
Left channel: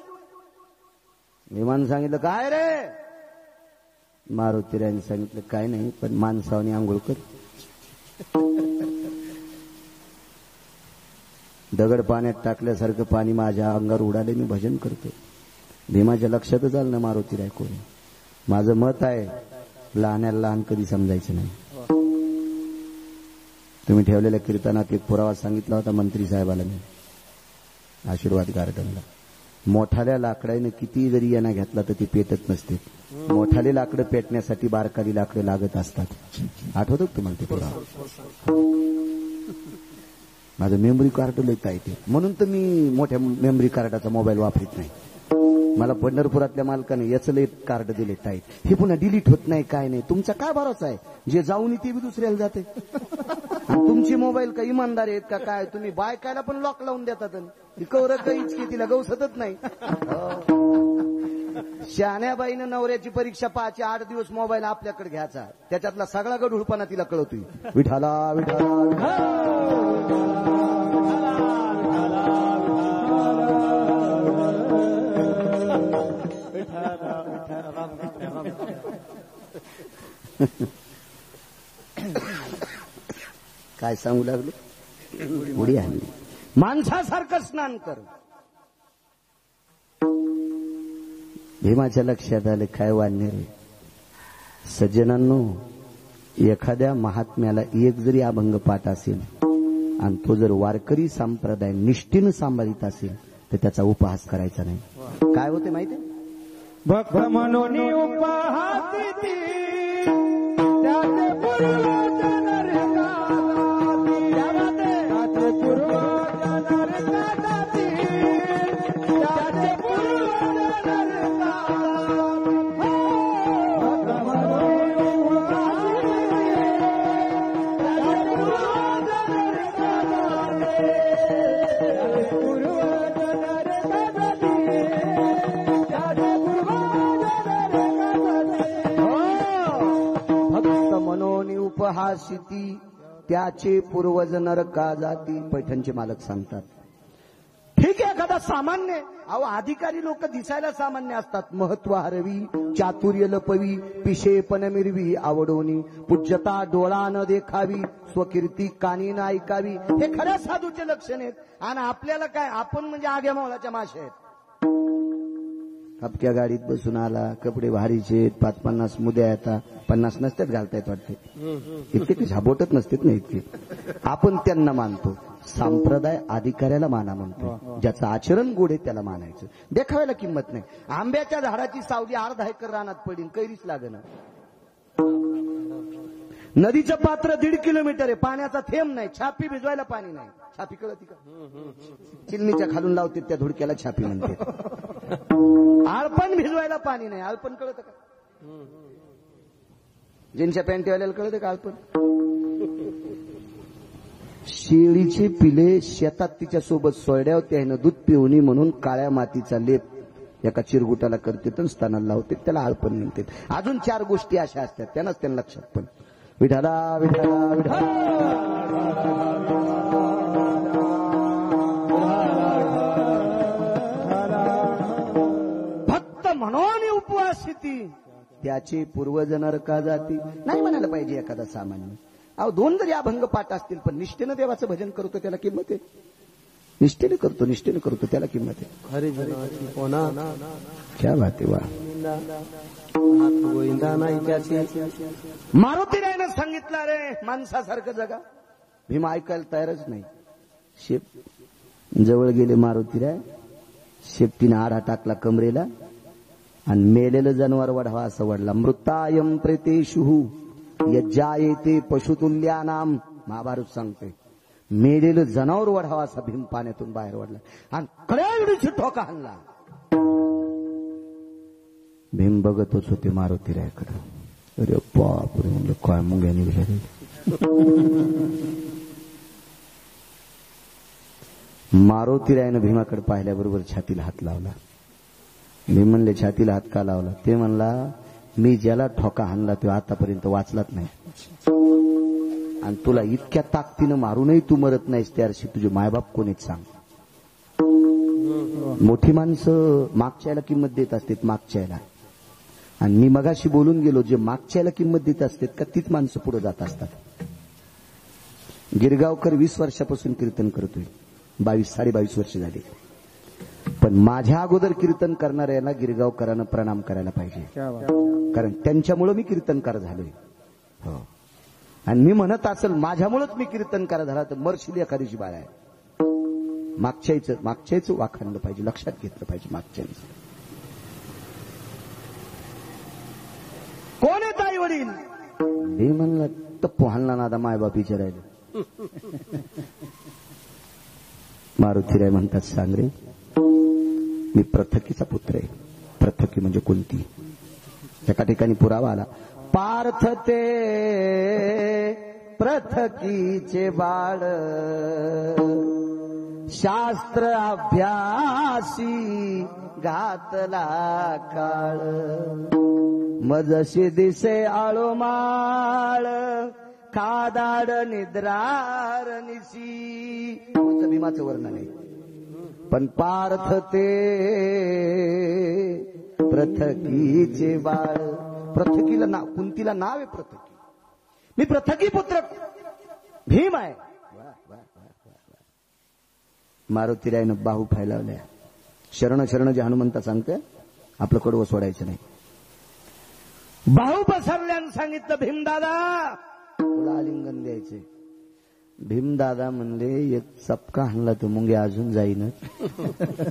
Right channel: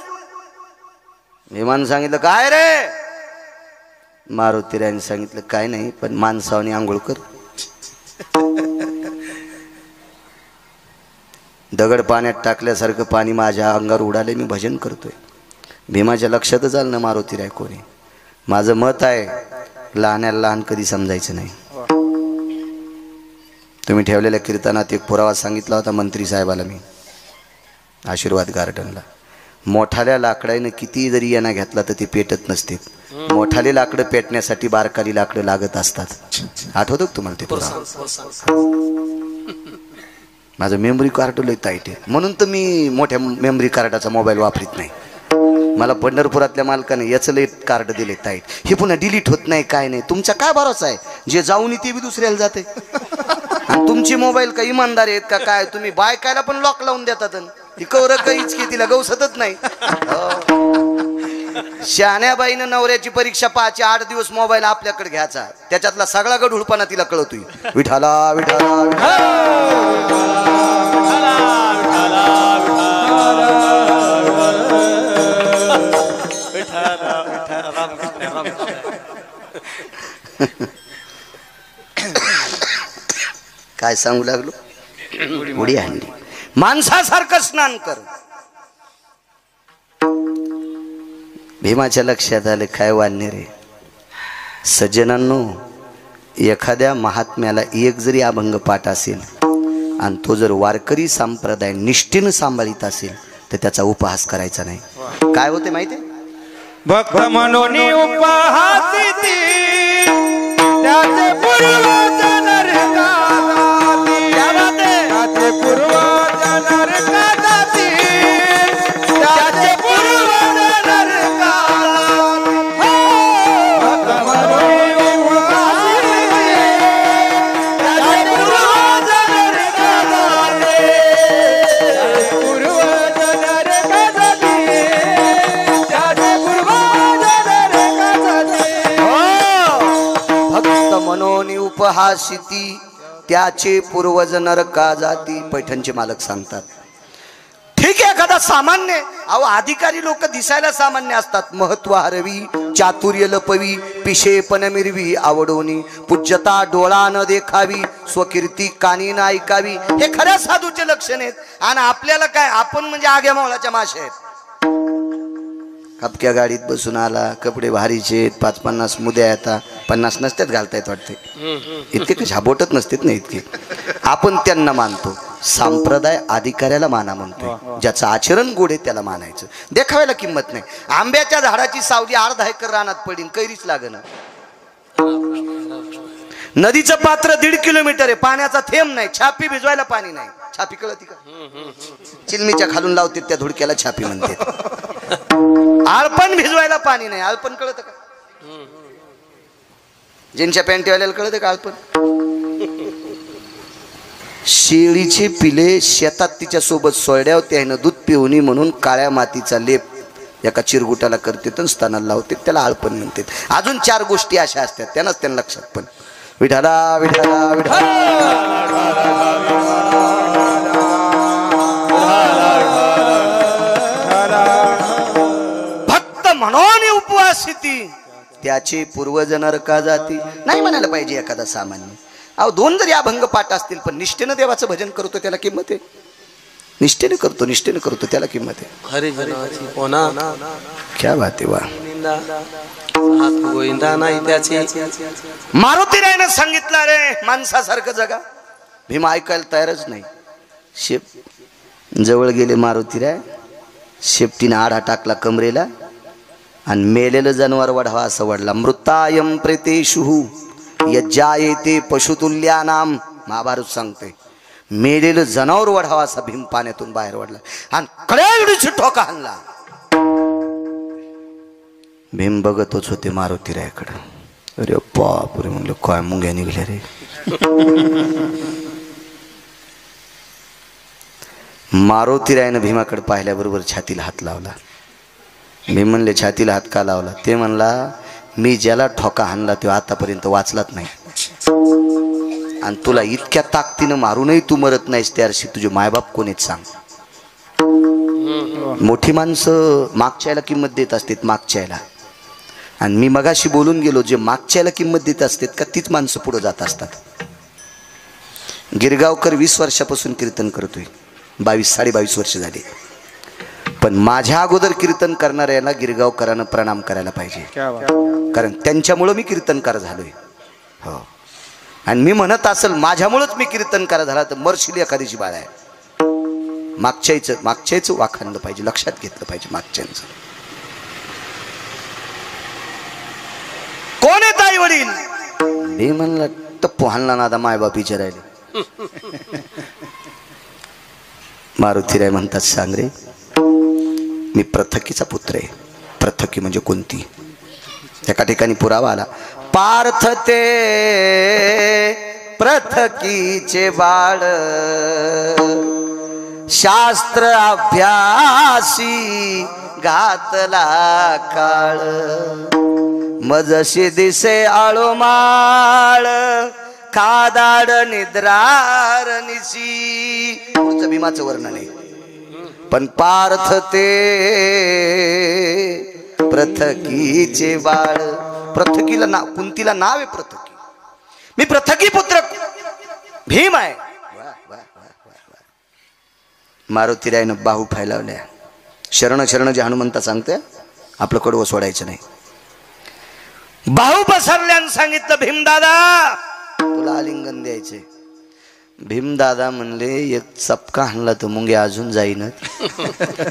विमान सांगितलं काय रे? मारुतीरायने सांगितलं काय नाही, पण माणसावनी आंघोळ कर. दगड पाण्यात टाकल्यासारखं पाणी माझ्या अंगावर उडाले. मी भजन करतोय. भीमाच्या लक्षातच आलं ना मारुतीराय कोणी. माझं मत आहे लहान्याला लहान कधी समजायचं नाही. तुम्ही ठेवलेल्या कीर्तनात एक पुरावा सांगितला होता मंत्री साहेबाला मी आशीर्वाद गार्डनला. मोठाल्या लाकडाने किती जरी यांना घेतला तर ते पेटत नसते. मोठाले लाकडं पेटण्यासाठी बारकाली लाकडं लागत असतात. आठवतं का तुम्हाला ते पुरावा? माझं मेमरी कार्ड लय टाईट आहे, म्हणून तर मी मोठ्या मेमरी कार्डाचा मोबाईल वापरत नाही. मला पंढरपुरातल्या मालकाने याचं लय कार्ड दिले टाईट. हे पुन्हा डिलीट होत नाही काय नाही. तुमचा काय भरोसा आहे? जे जाऊन ते बी दुसऱ्याला जाते. आणि तुमची मोबाईल का इमानदार आहेत का काय? तुम्ही बायकायला पण लॉक लावून देतात. ती कवर काहीच की तिला गवसतच नाही. शहाण्याबाईनं नवऱ्याची परीक्षा पाहायची 8 दिवस मोबाईल आपल्याकडे घ्यायचा. त्याच्यातला सगळा गढूळपणा तिला कळतोय. विठाला विठाला काय सांगू लागलो? उडी आणली. माणसासारखं स्नान कर. भीमाच्या लक्षात आले काय वाढणे रे. सज्जनांनो, एखाद्या महात्म्याला एक जरी अभंग पाठ असेल आणि तो जर वारकरी संप्रदाय निष्ठेनं सांभाळीत असेल तर त्याचा उपहास करायचा नाही. काय होते माहिती? भक्त म्हणून उपहासी त्याचे पूर्वज नरकाती, त्याचे पूर्वज नरकाती, त्याचे पूर्वज नरकाती. भक्त म्हणून उपहासी त्याचे पूर्वज नरकाती, पूर्वज नरकाती, त्याचे पूर्वज नरकाती. भक्त मनोनी उपहासिती त्याचे पूर्वज नरका जाती. पैठणचे मालक सांगतात. ठीक आहे, एखादा सामान्य. अहो, अधिकारी लोक दिसायला सामान्य असतात. महत्व हरवी, चातुर्य लपवी, पिशेपण मिरवी, आवडोनी पूज्यता डोळा न देखावी, स्वकीर्ती कानी न ऐकावी. हे खऱ्या साधूचे लक्षण आहेत. आणि आपल्याला काय, आपण म्हणजे आग्या मावळाच्या माशा आहेत. हपक्या गाडीत बसून आला, कपडे भारीचे, 5-50 मुद्या येतात. 50 नसतात घालतायत वाटते. इतके कशा बोटत नसतात ना इतके. आपण त्यांना मानतो. संप्रदाय अधिकाऱ्याला माना म्हणतो. ज्याचं आचरण गोड आहे त्याला मानायचं. देखाव्याला किंमत नाही. आंब्याच्या झाडाची सावली 1/2 एकर रानात पडीन, कैरीच लागेना. नदीचं पात्र 1.5 किलोमीटर आहे, पाण्याचा थेंब नाही. छापी भिजवायला पाणी नाही. छापी कळती का? चिलमीच्या खालून लावते त्या धुडक्याला छापी म्हणते. आळपण भिजवायला पाणी नाही. आळपण कळत का? ज्यांच्या पॅन्टीवाल्याला कळत का आळपण? शेळीचे पिले शेतात तिच्या सोबत सोडल्या होत्या. दूध पिवणी म्हणून काळ्या मातीचा लेप एका चिरगुटाला करते तर स्तनाला लावते, त्याला आळपण म्हणते. अजून 4 गोष्टी अशा असतात, त्यांनाच त्यांना लक्षात. पण विठाला विठाला विठाला भक्त म्हणून उपवास त्याची पूर्वज नरका जाती नाही म्हणायला पाहिजे एखादा सामान्य. अहो 2 जरी अभंग पाठ असतील पण निष्ठेनं देवाचं भजन करतो त्याला किंमत आहे. निष्ठेने करतो त्याला किंमत आहे. हरिजनाची कोणा क्या बात आहे. वा हात गोविंदा नाही त्याची. मारुती रायनं सांगितलं रे माणसासारखं जगा. भीम ऐकायला तयारच नाही. शेप जवळ गेले मारुती राय, शेपटीने आडा टाकला कमरेला आणि मेलेलं जनावर वढावा असं वडला. मृतायम प्रेतेषु यज्जायते पशुतुल्यानाम, महाभारत सांगते. मेलेलं जनावर वढावा असा भीम पाण्यातून बाहेर वडला आणि कड्याची ठोका हाणला. भीम बघतच होते मारुती रायकडं. अरे बापरे म्हणलं काय मुंग्या निघल्या रे. मारुती रायनं भीमाकडे पाहिल्याबरोबर छातीला हात लावला. भीम म्हणले छातीला हात का लावला? ते म्हणला मी ज्याला ठोका हाणला तो आतापर्यंत वाचलाच नाही आणि तुला इतक्या ताकदीनं मारूनही तू मरत नाहीस, त्याशी तुझे मायबाप कोणीच सांग. मोठी माणसं मागच्याला किंमत देत असतात मागच्याला. आणि मी मगाशी बोलून गेलो, जे मागच्याला किंमत देत असतात का तीच माणसं पुढे जात असतात. गिरगावकर 20 वर्षापासून कीर्तन करतोय, 22-22.5 वर्ष झाली. पण माझ्या अगोदर कीर्तन करणाऱ्याला गिरगावकरांना प्रणाम करायला पाहिजे, कारण त्यांच्यामुळं मी कीर्तनकार झालोय. हो, आणि मी म्हणत असेल माझ्यामुळंच मी कीर्तनकार झाला तर मरशील एखादीची बाळ आहे. मागच्याचं वाखाणलं पाहिजे, लक्षात घेतलं पाहिजे मागच्यांचं. कोण आहे ताई वडील? मी म्हणलं टप्पू हाणला नादा मायबाप विचारायला. मारुतीराय म्हणतात सांग रे मी प्रथकीचा पुत्र आहे. प्रथकी म्हणजे कोणती? एका ठिकाणी पुरावा आला. पार्थ ते प्रथकीचे बाळ, शास्त्र अभ्यासी घातला काळ, मजशी दिसे आळोमाळ, खादाड निद्रार निशी. पुढचं भीमाचं वर्णन आहे. पण पार्थ ते प्रथकीचे बाळ. प्रथकीला नाव, कुंतीला नाव आहे प्रथकी. मी प्रथकी पुत्र भीम आहे. मारुतीरायनं बाहू फैलावल्या. शरण शरण जे हनुमंता सांगते आपलं कडवं सोडायचं नाही. बाहू पसरल्यानं सांगितलं भीमदादा तुला आलिंगन द्यायचे. भीमदादा म्हणले एक चपका हाणला तर मुंगे अजून जाईनच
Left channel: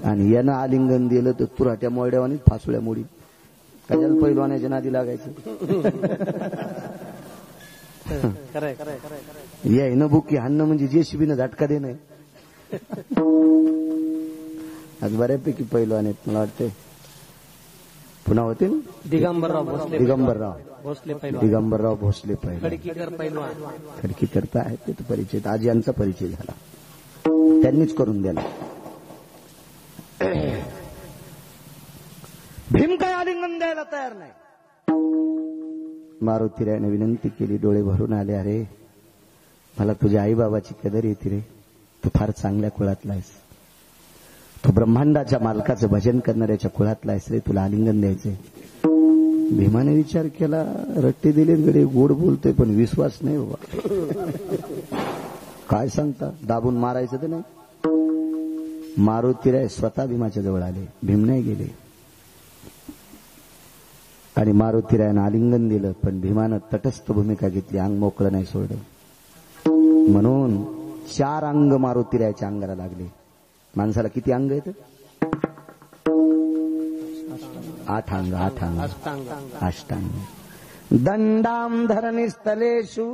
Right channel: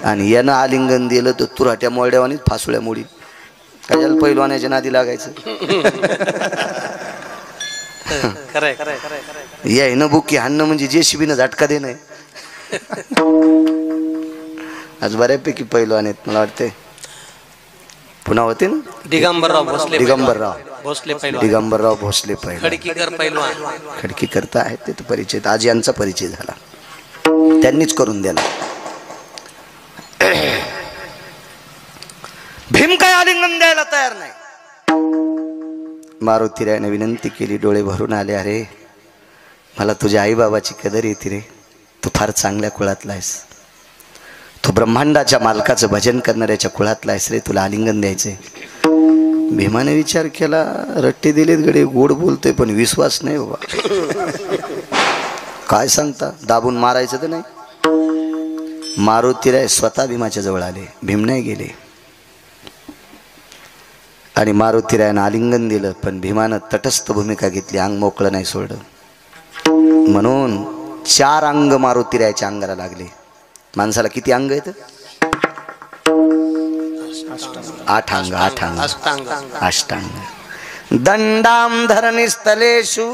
आणि यानं आलिंगन दिलं तर तुराट्या मोड्यावानीच फासुळ्या मोडी. कशाला पैलवानाच्या नादी लागायचं. यायनं बुकी हाणणं म्हणजे जेसीबीनं झटका देणं. आज बऱ्यापैकी पैलवान आहेत मला वाटते. पुन्हा होते ना दिगंबरराव भोसले दिगंबरराव भोसले पैलवान, खडकीकर पैलवान, खडकी करता आहेत ते तर परिचय. आज यांचा परिचय झाला, त्यांनीच करून दिला. भीम काय आलिंगन द्यायला तयार नाही. मारुतीरायने विनंती केली, डोळे भरून आले. अरे मला तुझ्या आई बाबाची कदर येते रे. तू फार चांगल्या कुळातला आहेस. तू ब्रह्मांडाच्या मालकाचं भजन करणाऱ्याच्या कुळातला आहेस रे. तुला आलिंगन द्यायचंय. भीमाने विचार केला, रट्टे दिलेत गडे, गोड बोलतोय पण विश्वास नाही बाबा. काय सांगता, दाबून मारायचं तर नाही. मारुतीराय स्वतः भीमाच्या जवळ आले, भीम नाही गेले. आणि मारुतीरायानं आलिंगन दिलं. पण भीमानं तटस्थ भूमिका घेतली, अंग मोकळं नाही सोडलं. म्हणून 4 अंग मारुतीरायाच्या अंगाला लागले. माणसाला किती अंग आहेत? 8 अंग. अष्टांग. दंडाम धरणिस्थलेषु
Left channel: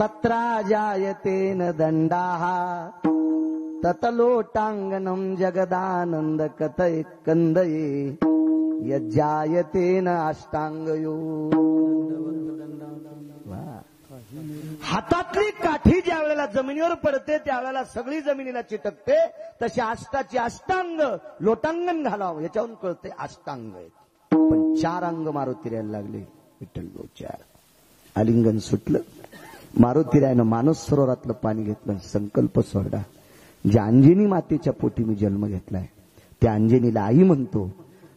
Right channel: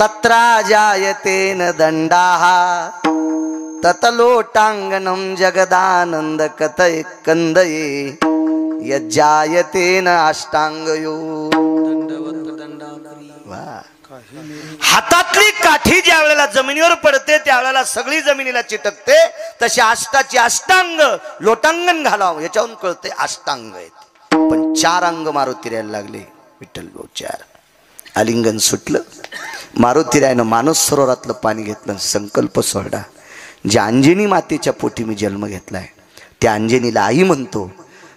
तत्रा जायतेन दंडाः, ततलोटांगनं जगदानंद कथय कंदये, यज्जायतेन अष्टांगयो. वा. हातातली काठी ज्या वेळेला जमिनीवर पडते त्यावेळेला सगळी जमिनीला चिटकते. तशी अष्टाची अष्टांग लोटांगण घालावं याच्यावरून कळते अष्टांग आहेत. पण 4 अंग मारुतीरायला लागले. विठ्ठल भाऊ 4. आलिंगन सुटलं. मारुतीरायनं मानस सरोवरातलं पाणी घेतलं. संकल्प सोडला. ज्या अंजनी मातेच्या पोटी मी जन्म घेतलाय त्या अंजनीला आई म्हणतो.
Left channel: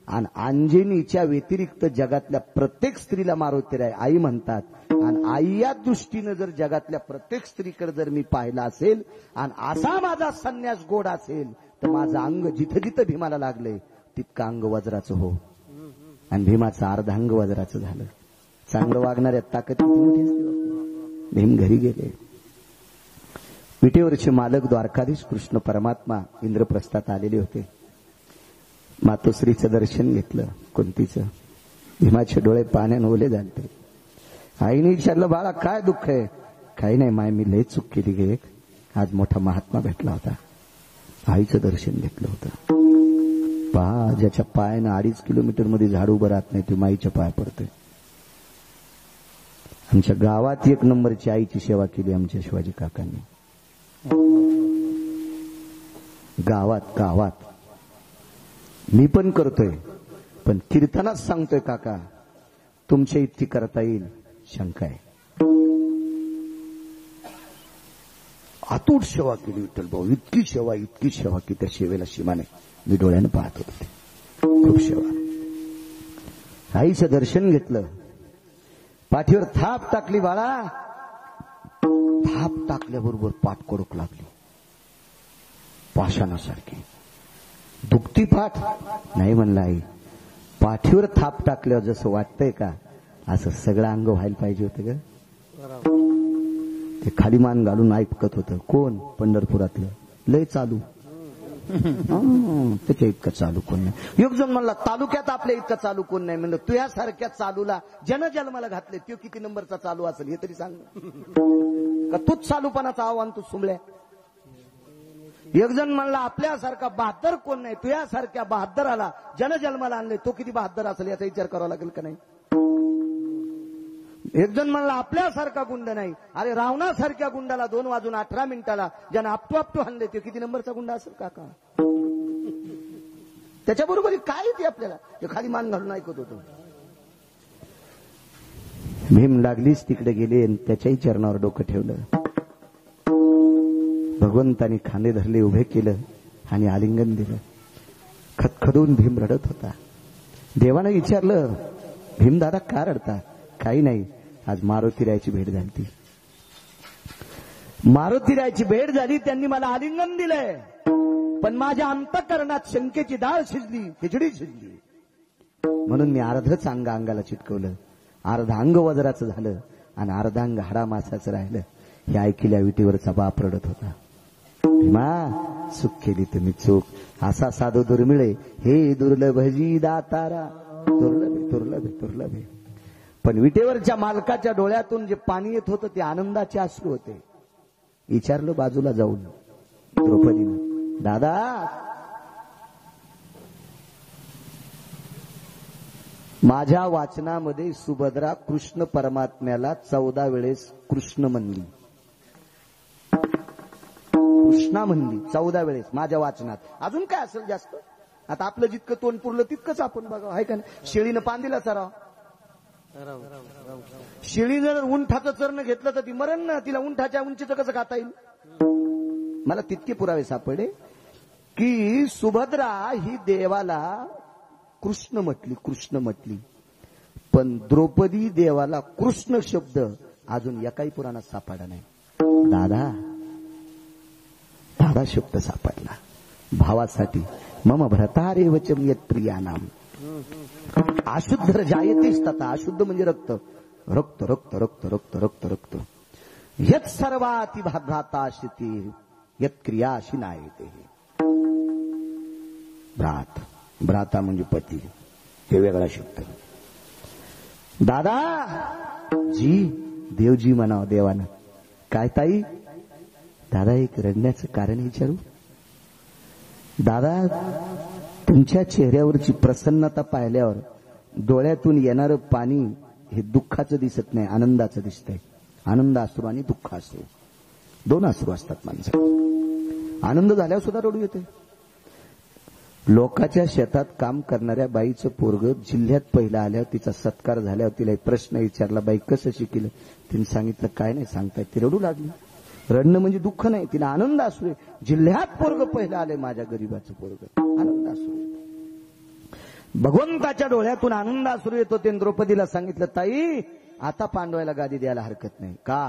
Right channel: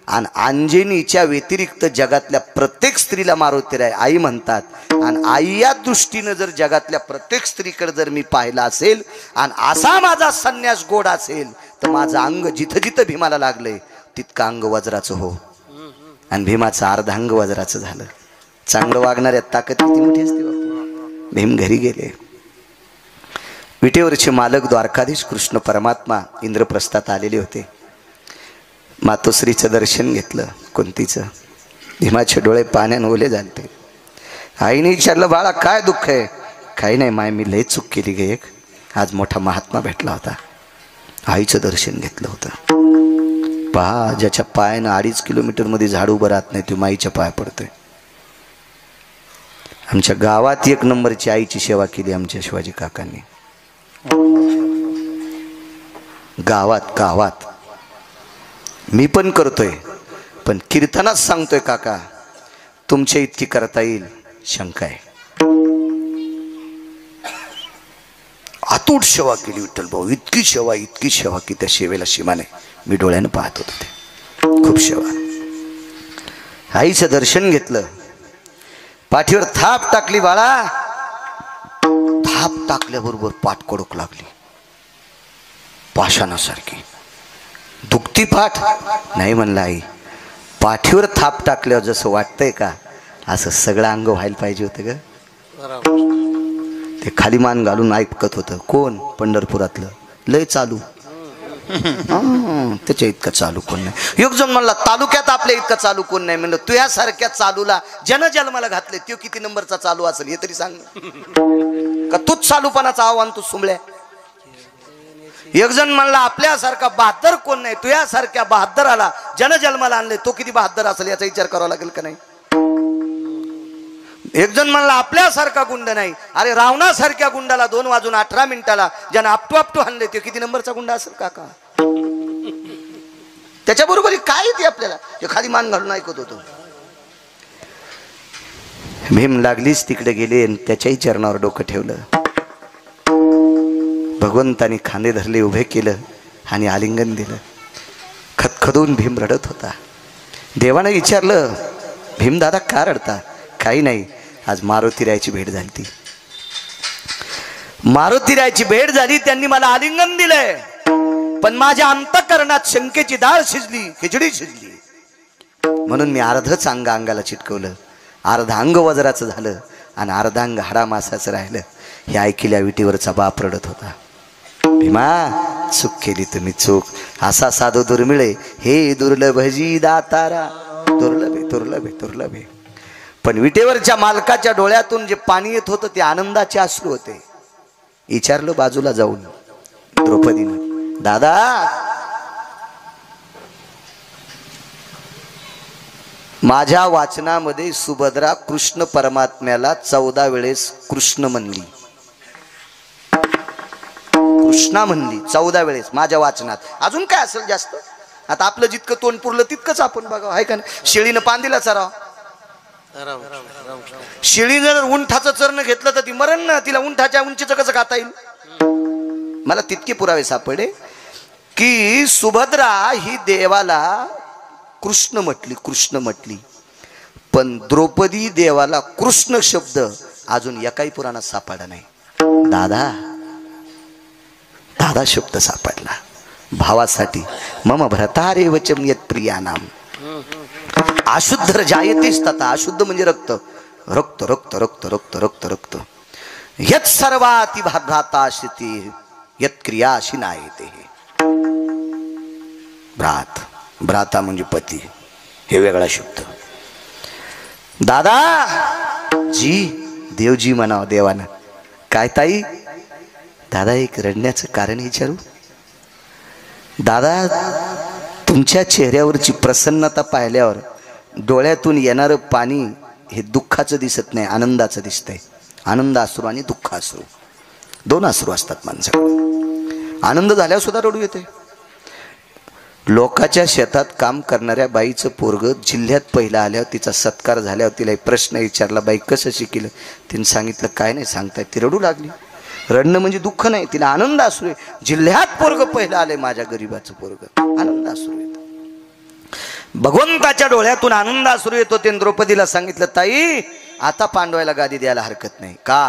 आणि अंजनीच्या व्यतिरिक्त जगातल्या प्रत्येक स्त्रीला मारुतीराय आई म्हणतात. आणि आई या दृष्टीनं जर जगातल्या प्रत्येक स्त्रीकडे जर मी पाहिला असेल आणि असा माझा संन्यास गोड असेल तर माझं अंग जिथं जिथं भीमाला लागलंय तितकं अंग वज्राचं हो. आणि भीमाचं अर्धांग वज्राचं झालं. चांगलं वागणाऱ्या ताकद किती मोठी असते बापू. भीम घरी गेले. विटेवरचे मालक द्वारकाधीश कृष्ण परमात्मा इंद्रप्रस्थात आलेले होते. मातोश्रीचं दर्शन घेतलं. कुंतीचं. भीमाचे डोळे पाण्यानं ओले झाले. आईने विचारलं बाळा काय दुःख आहे. काही नाही माय मी लय चूक केली गे एक. आज मोठा महात्मा भेटला होता. आईचं दर्शन घेतलं होतं. पहा ज्याच्या पायानं 2.5 किलोमीटर मध्ये झाड उभं राहत नाही तो माईच्या पाया पडतोय. आमच्या गावात 1 नंबरची आईची सेवा केली आमच्या शिवाजी काकांनी. गावात मी पण करतोय पण कीर्तनात सांगतोय काका तुमच्या इतकी करता येईल शंका आहे. अतूट सेवा केली विठ्ठल भाऊ. इतकी सेवा की त्या सेवेला सीमा नाही. मी डोळ्यानं पाहत होतो ते. खूप सेवा. आईचं दर्शन घेतलं. पाठीवर थाप टाकली बाळा. थाप टाकल्याबरोबर पाठ कडक लागली पाषाणासारखी. दुखती पाठ नाही म्हणलं आई. पाठीवर थाप टाकल्यावर जसं वाटतंय का असं सगळं अंग व्हायला पाहिजे होतं ग. ते खाली मान घालून ऐकत होतं. कोण? पंढरपुरातलं लय चालू. त्याच्या इतकं चालू कोण नाही. एक जण म्हणला तालुक्यात आपल्या इतकं चालू कोण नाही. म्हणलं तुझ्यासारख्या चालूला जनजन्माला घातले तो किती नंबरचा चालू असेल हे तरी सांग. का तूच चालूपणाचा आव्हान तू सुमल्या. एक जण म्हणला आपल्यासारखा बहादर कोण नाही. तुझ्यासारख्या बहादराला जनजन्माला आणले तो किती बहादर असेल याचा विचार करावा लागेल का नाही. एक जण म्हणला आपल्यासारखा गुंड नाही. अरे रावणासारख्या गुंडाला 2:18 ज्यानं आपटू आणले तो किती नंबरचा गुंडा असेल काका. त्याच्याबरोबर काय येते आपल्याला. ते खाली मान घालून ऐकत होतो. भीम लागलीच तिकडे गेले आणि त्याच्याही चरणावर डोकं ठेवलं. भगवंतानी खांदे धरले उभे केलं आणि आलिंगन दिलं. खदखदून भीम रडत होता. देवानं विचारलं भीम दादा का रडता. काही नाही आज मारुतीरायची भेट झाली. ती मारुतीरायची भेट झाली. त्यांनी मला आलिंगन दिलंय पण माझ्या अंतःकरणात शंकेची डाळ शिजली खिचडी शिजली. म्हणून मी अर्धच अंगाला चिटकवलं. अर्ध अंग वज्राचं झालं आणि अर्धांग हाडामासाचं राहिलं. हे ऐकल्या विटीवरचा बाप रडत होता. भीमा चूक केली तुम्ही चूक. असा साधू दुर्मिळे हे दुर्लभजी दातारा. दुर्लभे. पण विटेवरच्या मालकाच्या डोळ्यातून जे पाणी येत होतं ते आनंदाचे अश्रू होते. विचारलं बाजूला जाऊन द्रौपदीनं दादा माझ्या वाचनामध्ये सुभद्रा कृष्ण परमात्म्याला 14 वेळेस कृष्ण म्हणली. कृष्णा म्हणली 14 वेळेस माझ्या वाचनात. अजून काय असेल जास्त. आता आपलं जितकं तोंड पुरलं तितकंच आपण बघावं आहे का नाही. शेळीनं पांदीला चराव. शेळी जर उंठाचं चरण घेतलं तर ती मरण ना. तिला उंठाच्या उंचीचं कसं खाता येईल. मला तितके पुरावे सापडे की सुभद्रा ही देवाला कृष्ण म्हटली पण द्रौपदी देवाला कृष्ण शब्द अजून एकाही पुराणात सापडला नाही. दादा शब्द सापडला भावासाठी. मम भ्रतारे वचम यत प्रिया नाम अशुद्ध जायतेच तथा. अशुद्ध म्हणजे रक्त रक्त रक्त रक्त रक्त रक्त रक्त यत सर्वाती भ्राताशिती यत क्रियाशी नायते. भ्राता म्हणजे पती हे वेगळा शब्द. दादा जी देवजी म्हणावं देवानं. काय ताई दादा एक रडण्याचं कारण विचारू. दादा तुमच्या चेहऱ्यावरची प्रसन्नता पाहिल्यावर डोळ्यातून येणारं पाणी हे दुःखाचं दिसत नाही, आनंदाचं दिसतंय. आनंदाश्रू आणि दुःखाश्रू दोन अश्रू असतात माणसाकडे. आनंद झाल्यावर सुद्धा रडू येते. लोकाच्या शेतात काम करणाऱ्या बाईचं पोरग जिल्ह्यात पहिलं आल्यावर तिचा सत्कार झाल्यावर तिला एक प्रश्न विचारला, बाई कसं शिकलं? तिने सांगितलं काय नाही सांगताय. ती रडू लागली. रडणं म्हणजे दुःख नाही, तिला आनंद असू आहे. जिल्ह्यात पोरग पहिलं आलंय माझ्या गरीबाचं पोरग, आनंद असू येतो. भगवंताच्या डोळ्यातून आनंद असू येतो. ते द्रौपदीला सांगितलं, ताई आता पांडवायला गादी द्यायला हरकत नाही. का?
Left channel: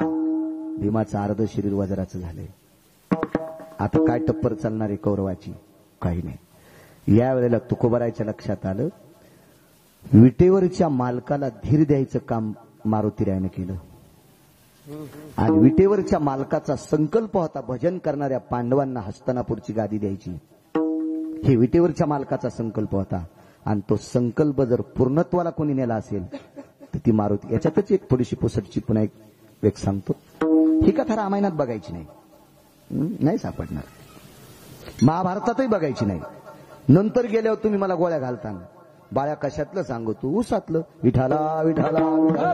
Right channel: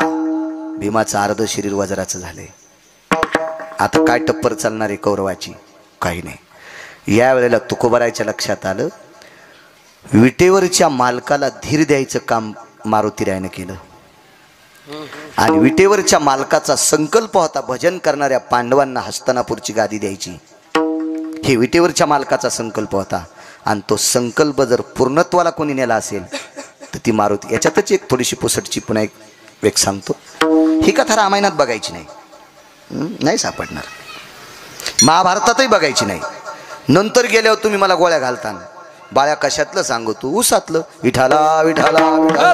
भीमाचं अर्ध शरीर वज्राचं झालंय. आता काय टप्पर चालणार आहे कौरवाची? काही नाही. या वेळेला तुकोबारायच्या लक्षात आलं, विटेवरच्या मालकाला धीर द्यायचं काम मारुतीरायानं केलं. आणि विटेवरच्या मालकाचा संकल्प होता भजन करणाऱ्या पांडवांना हस्तिनापूरची गादी द्यायची. हे विटेवरच्या मालकाचा संकल्प होता. आणि तो संकल्प जर पूर्णत्वाला कोणी नेला असेल तर ती मारुती. याच्यातच एक थोडीशी पुसटची पुन्हा एक सांगतो. ही कथा रामायणात बघायची नाही, नाही सापडणार. महाभारतातही बघायची नाही. नंतर गेल्यावर तुम्ही मला गोळ्या घालता. बाळ्या कशातलं सांगू तू? उसातलं. विठाला विठाला विठाला.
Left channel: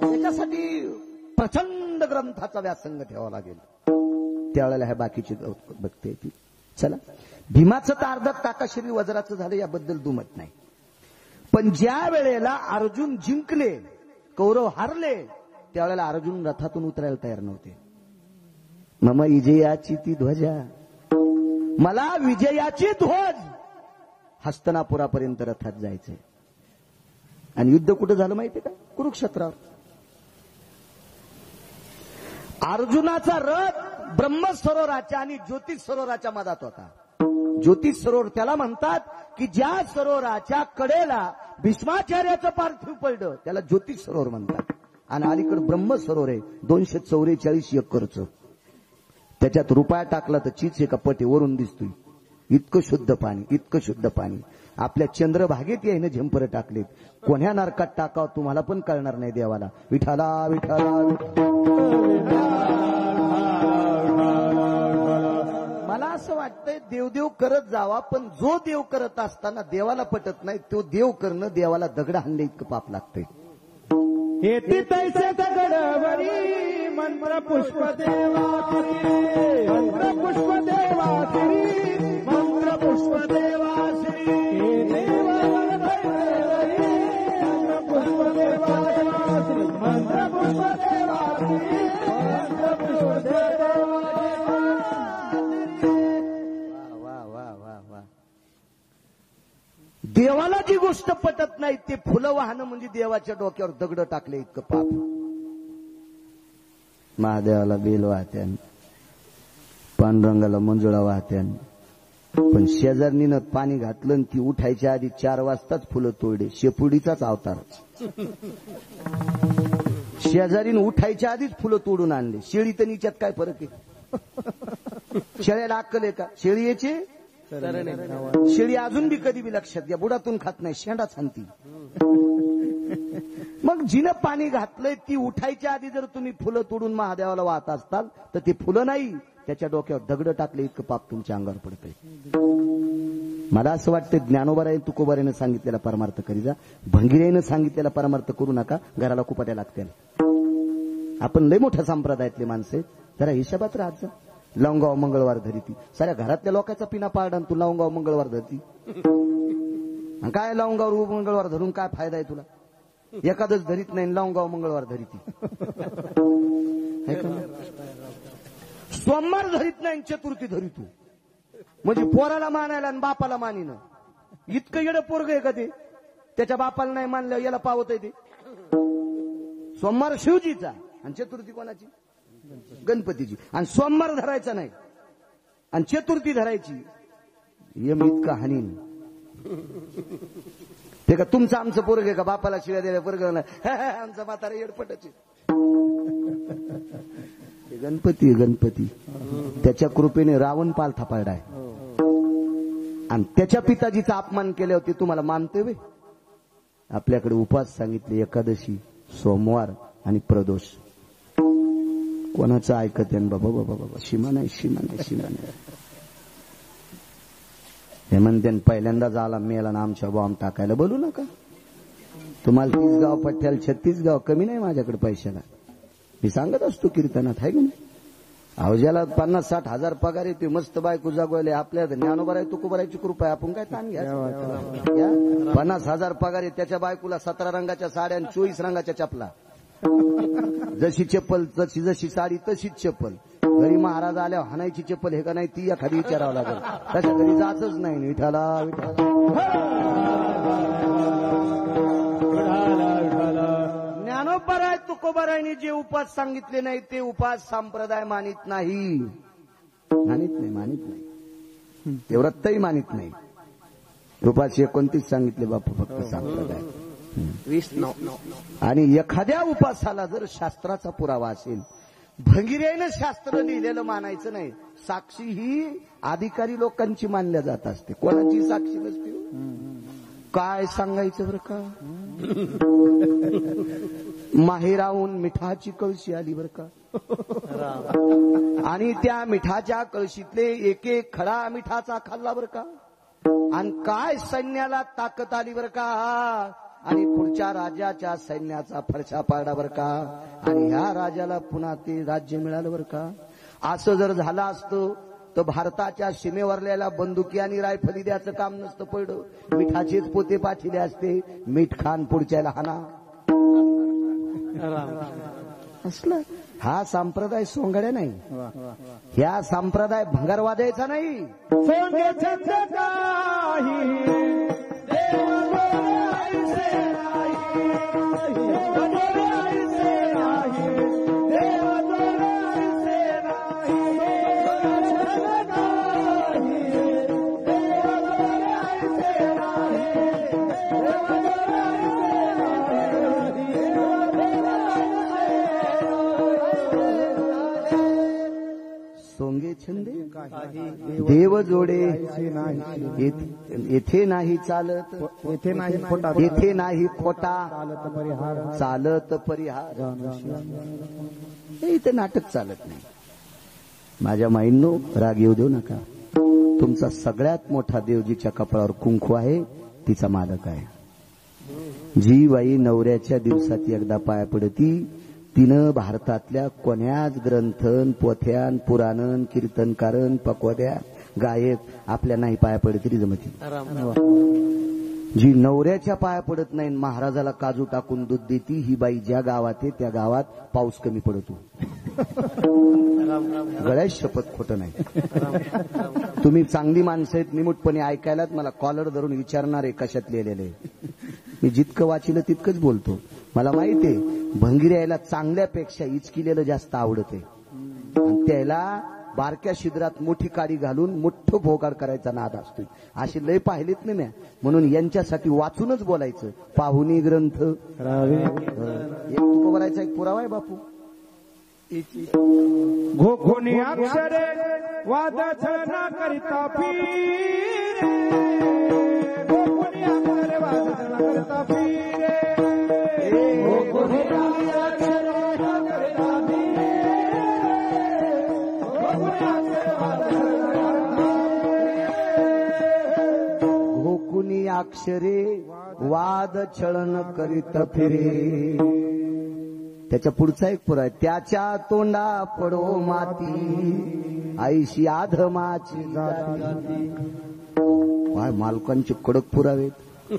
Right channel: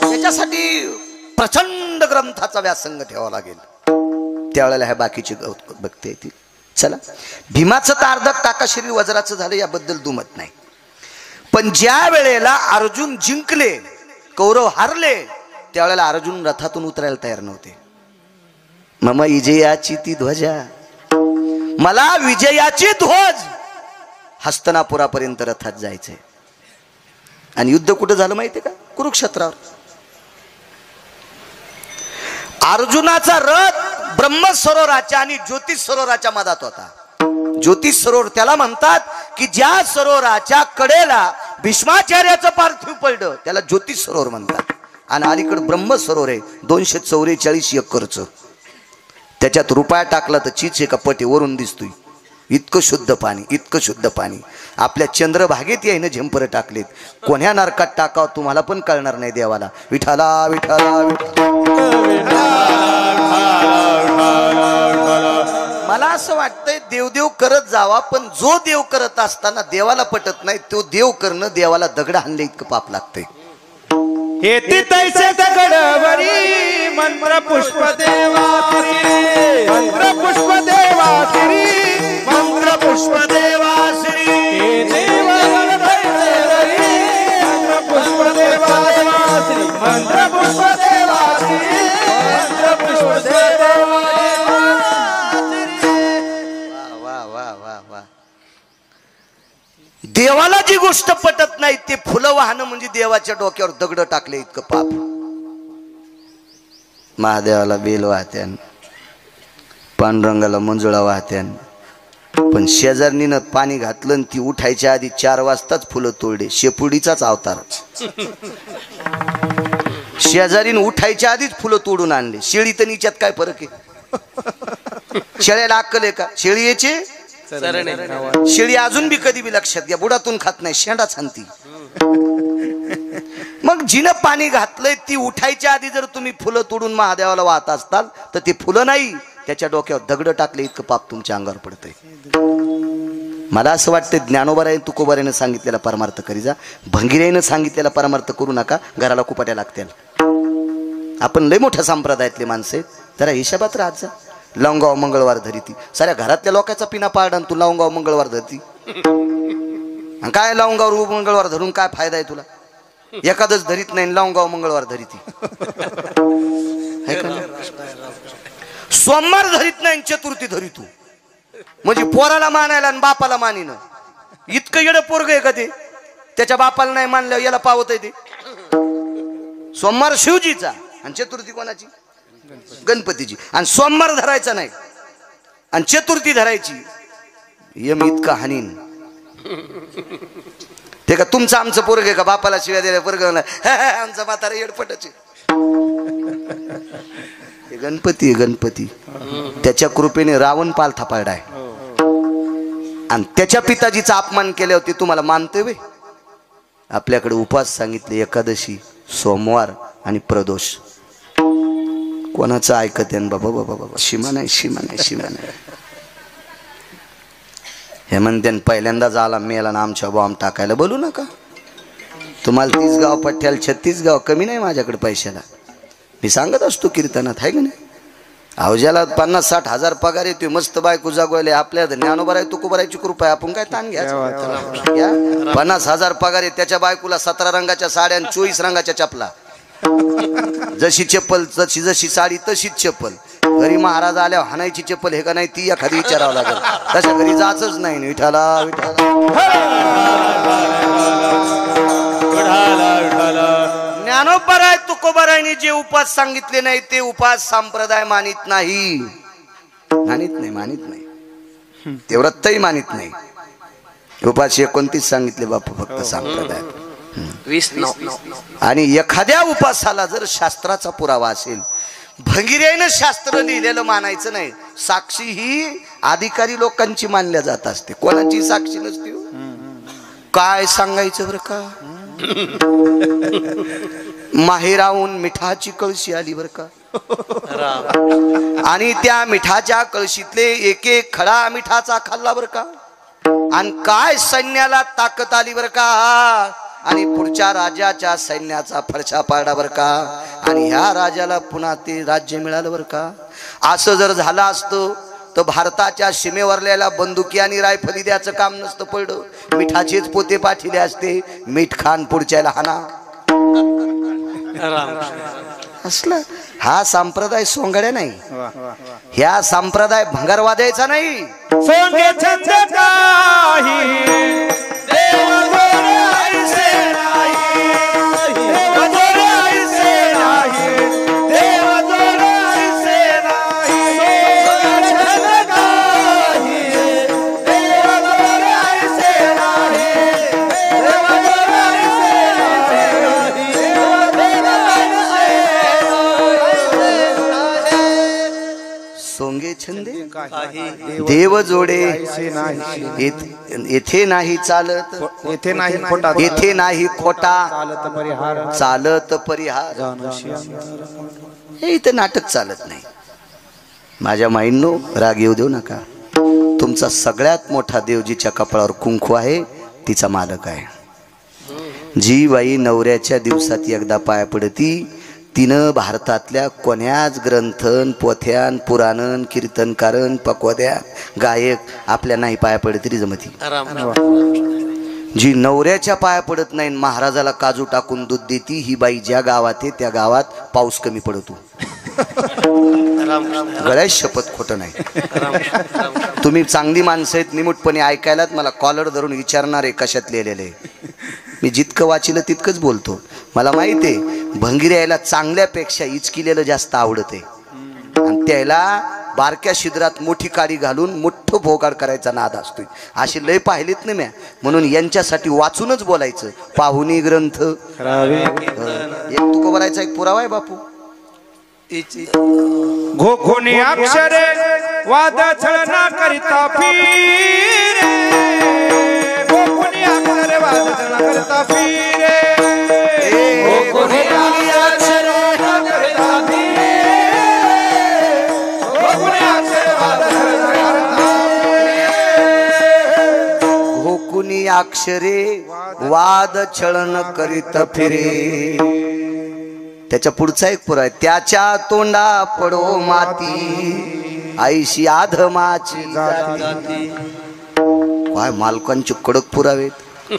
त्याच्यासाठी प्रचंड ग्रंथाचा व्यासंग ठेवावा लागेल. त्यावेळेला ह्या बाकीची बघते येतील. चला, भीमाचं तर अर्ध टाका शरीर वज्राचं झालं याबद्दल दुमत नाही. पण ज्या वेळेला अर्जुन जिंकले, कौरव हारले, त्यावेळेला अर्जुन रथातून उतरायला तयार नव्हते. मम विजयाची ती ध्वजा, मला विजयाची ध्वज. हस्तिनापुरापर्यंत रथात जायचंय. आणि युद्ध कुठं झालं माहितीये का? कुरुक्षेत्रावर. अर्जुनाचा रथ ब्रह्मसरोवराच्या आणि ज्योतिष सरोवराच्या मधात होता. ज्योतिष सरोवर त्याला म्हणतात की ज्या सरोवराच्या कडेला भीष्माचार्याचं पार्थिव पडलं त्याला ज्योतिष सरोवर म्हणतात. आणि अलीकडे ब्रह्म सरोवर आहे 244 एकरचं. त्याच्यात रुपया टाकला तर चीच एका पटी वरून दिसतोय. इतकं शुद्ध पाणी, इतकं शुद्ध पाणी. आपल्या चंद्रभागेत यायनं झेंपर टाकलेत. कोण्या नरकात टाकावं तुम्हाला पण कळणार नाही देवाला. विठाला विठाला विठाला. मला असं वाटतंय देवदेव करत जावा, पण जो देव करत असताना देवाला पटत नाही तो देव करणं देवाला दगड हाणले इतकं पाप लागतंय. येती तैसे दगडवरी मंत्र पुष्प देवाश्री, मंत्र पुष्प देवाश्री, मंत्र पुष्प देवाश्री. हे देव तैसेवरी मंत्र पुष्प देवाश्री, मंत्र पुष्प देवाश्री, मंत्र पुष्प देवाश्री. वा वा वा वा. देवाला जी गोष्ट पटत नाही ते फुलं वाहणं म्हणजे देवाच्या डोक्यावर दगड टाकले इतकं पाप. महादेवाला बेल वाहत्यान, पांडुरंगाला मंजुळा वाहत्यान, पण शेजारणीनं पाणी घातलं आणि ती उठायच्या आधी 4 वाजताच फुलं तोडले. शेपुडीचाच अवतार. शेजारीनं उठायच्या आधीच फुलं तोडून आणले. शेळी तर निच्यात काय फरक आहे? शेळ्याला अक्कल आहे का? शेळी याची शेळी अजून बी कधी बी लक्षात घ्या बुडातून खात नाही, शेंडा छानती. मग जिनं पाणी घातलंय ती उठायच्या आधी जर तुम्ही फुलं तोडून महादेवाला वाहत असताल तर ते फुलं नाही त्याच्या डोक्यावर दगड टाकले इतकं पाप तुमच्या अंगावर पडतंय. मला असं वाटतं ज्ञानोबाराय तुकोबारायनं सांगितलेला परमार्थ करी जा. भंगिराईनं सांगितलेला परमार्थ करू नका, घराला कुपाट्या लागतील. आपण लय मोठ्या संप्रदायातले माणसे, जरा हिशोबात राहत जा. लवंगाव मंगळवार धरीती, साऱ्या घरातल्या लोकांचा पिना पाडा तू लवंगाव मंगळवार धरती. काय लवंगावर मंगळवार धरून काय फायदा आहे तुला? एखादच धरीत नाही, लवंगाव मंगळवार धरीती. सोमवार धरीत नाही, चतुर्थी धरीतू म्हणजे पोराला मानायला आणि बापाला मानिन. इतकं येडं पोरग आहे का ते? त्याच्या बापाला नाही मानल्यावर याला पावत आहे ते. सोमवार शिवजीचा आणि चतुर्थी कोणाची? गणपतीची. आणि सोमवार धरायचा नाही आणि चतुर्थी धरायची. यम इतका हानीन ते का तुमचं आमचं पोरग आहे का? बापाला शिव्या दिल्या पोरग आमचा म्हातारा येडपटच आहे. गणपती आहे गणपती. त्याच्या कृपेने रावण पालथा पाडलाय आणि त्याच्या पिताजीचा अपमान केल्यावर तुम्हाला मानते वे. आपल्याकडे उपवास सांगितले एकादशी, सोमवार आणि प्रदोष. कोणाचं ऐकत आहे बाबा? बाबा बाबा सीमा नाही, सीमा नाही, सीमा नाही. हे म्हणते पहिल्यांदा झाला मेला ना आमच्या बॉम्ब टाकायला बोलू नका. तुम्हाला 30 गाव पठ्याला 36 गाव कमी नाही माझ्याकडे पैशाला. मी सांगत असतो कीर्तनात, आहे की नाही. अहो ज्याला 50-60 हजार पगार येतोय, मस्त बायको जागवायले, आपल्या ज्ञानोबा आहे तुकोबारायची कृपा आहे, आपण काय ताण घ्यायचं. 50 हजार पगार आहे, त्याच्या बायकोला 17 रंगाच्या साड्या आणि 24 रंगाच्या चपला. जशी चप्पल जशी साडी तशीच चप्पल. घरी महाराज आल्यावर हाणायची चप्पल हे का नाही ती एखादी विचारावं लागेल. तशा घरी जायचंच नाही. विठाला ज्ञानोबराय तुकोबारायने जे उपास सांगितले नाही ते उपास संप्रदाय मानित नाही. मानित नाही ते व्रतही मानित नाही. उपास 29 सांगितले बापू फक्त संप्रदाय. 20 आणि एखाद्या उपासाला जर शास्त्राचा पुरावा असेल, भंगिरेनं शास्त्र लिहिलेलं मानायचं नाही. साक्षी ही अधिकारी लोकांची मानल्या जात असते, कोणाची साक्षी नसते. काय सांगायचं बरं का, माहेराहून मिठाची कळशी आली बरं का, आणि त्या मिठाच्या कळशीतले एक एक खडा मिठाचा खाल्ला बरं का, आणि काय सैन्याला ताकद आली बरं का, आणि पुढच्या राजाच्या सैन्याचा फडशा पाडला बरं का, आणि ह्या राजाला पुन्हा ते राज्य मिळालं बरं का. असं जर झालं असतं तर भारताच्या सीमेवरल्याला बंदुकी आणि रायफली द्यायचं काम नसतं पडलं. मिठाचेच पोते पाठिले असते, मीठ खान पुढच्याला हाना असलं. हा संप्रदाय सोंगड्या नाही, ह्या संप्रदाय भंगारवाद्याचा नाही. सोंगे छंद काही देव गोरे ऐसे नाही, देव गोरे ऐसे नाही, देव गोरे ऐसे नाही. सोंगे छंद काही देव गोरे ऐसे नाही, देव गोरे ऐसे नाही. सोंगे छंदे देव जोडे येथे नाही चालत, येथे नाही खोटा, येथे नाही खोटा चालत परिहार, चालत परिहार. हे इथं नाटक चालत नाही. माझ्या माईंनो राग येऊ देऊ नका. तुमचा सगळ्यात मोठा देव जिच्या कपाळावर कुंकू आहे तिचा मालक आहे. जी बाई नवऱ्याच्या दिवसात एकदा पाया पडती, तिनं भारतातल्या कोण्याच ग्रंथन पोथ्यान पुराणन कीर्तनकारन पकवाद्या गायक आपल्या नाही पाया पडत तरी जमती. जी नवऱ्याच्या पाया पडत नाही, महाराजाला काजू टाकून दूध देती, ही बाई ज्या गावात आहे त्या गावात पाऊस कमी पडतो. गळ्यात शपथ खोटं नाही. तुम्ही चांगली माणसं आहेत, निमूटपणे ऐकायलात मला कॉलर धरून विचारणार आहे कशात लिहिलेले. मी जितकं वाचिलं तितकंच बोलतो. मला माहिती आहे भंगिऱ्याला चांगल्यापेक्षा इचकिलेलं जास्त आवडत आहे, आणि त्याला बारक्या शिद्रात मोठी काडी घालून मोठं भोगाड करायचा नाद असतोय. अशी लय पाहिलीत ना म्या, म्हणून यांच्यासाठी वाचूनच बोलायचं. पाहुणी ग्रंथ एक तुकोबारायचा एक पुरावा आहे बापू. घोघोनी अक्षरे वाद छळना करिता फिरे, घोघोनी अक्षरे वाद छळना करिता फिरे, घोघोनी अक्षरे वाद करिता फिरे, घोघोनी अक्षरे वाद छळना करिता फिरे, घोकुनी अक्षरे वाद छळन करीत फिरे. त्याच्या पुढचा एक पुरा आहे, त्याच्या तोंडा पडो माती आईशी आधमाची जाती. काय मालकांचे कडक पुरावेत,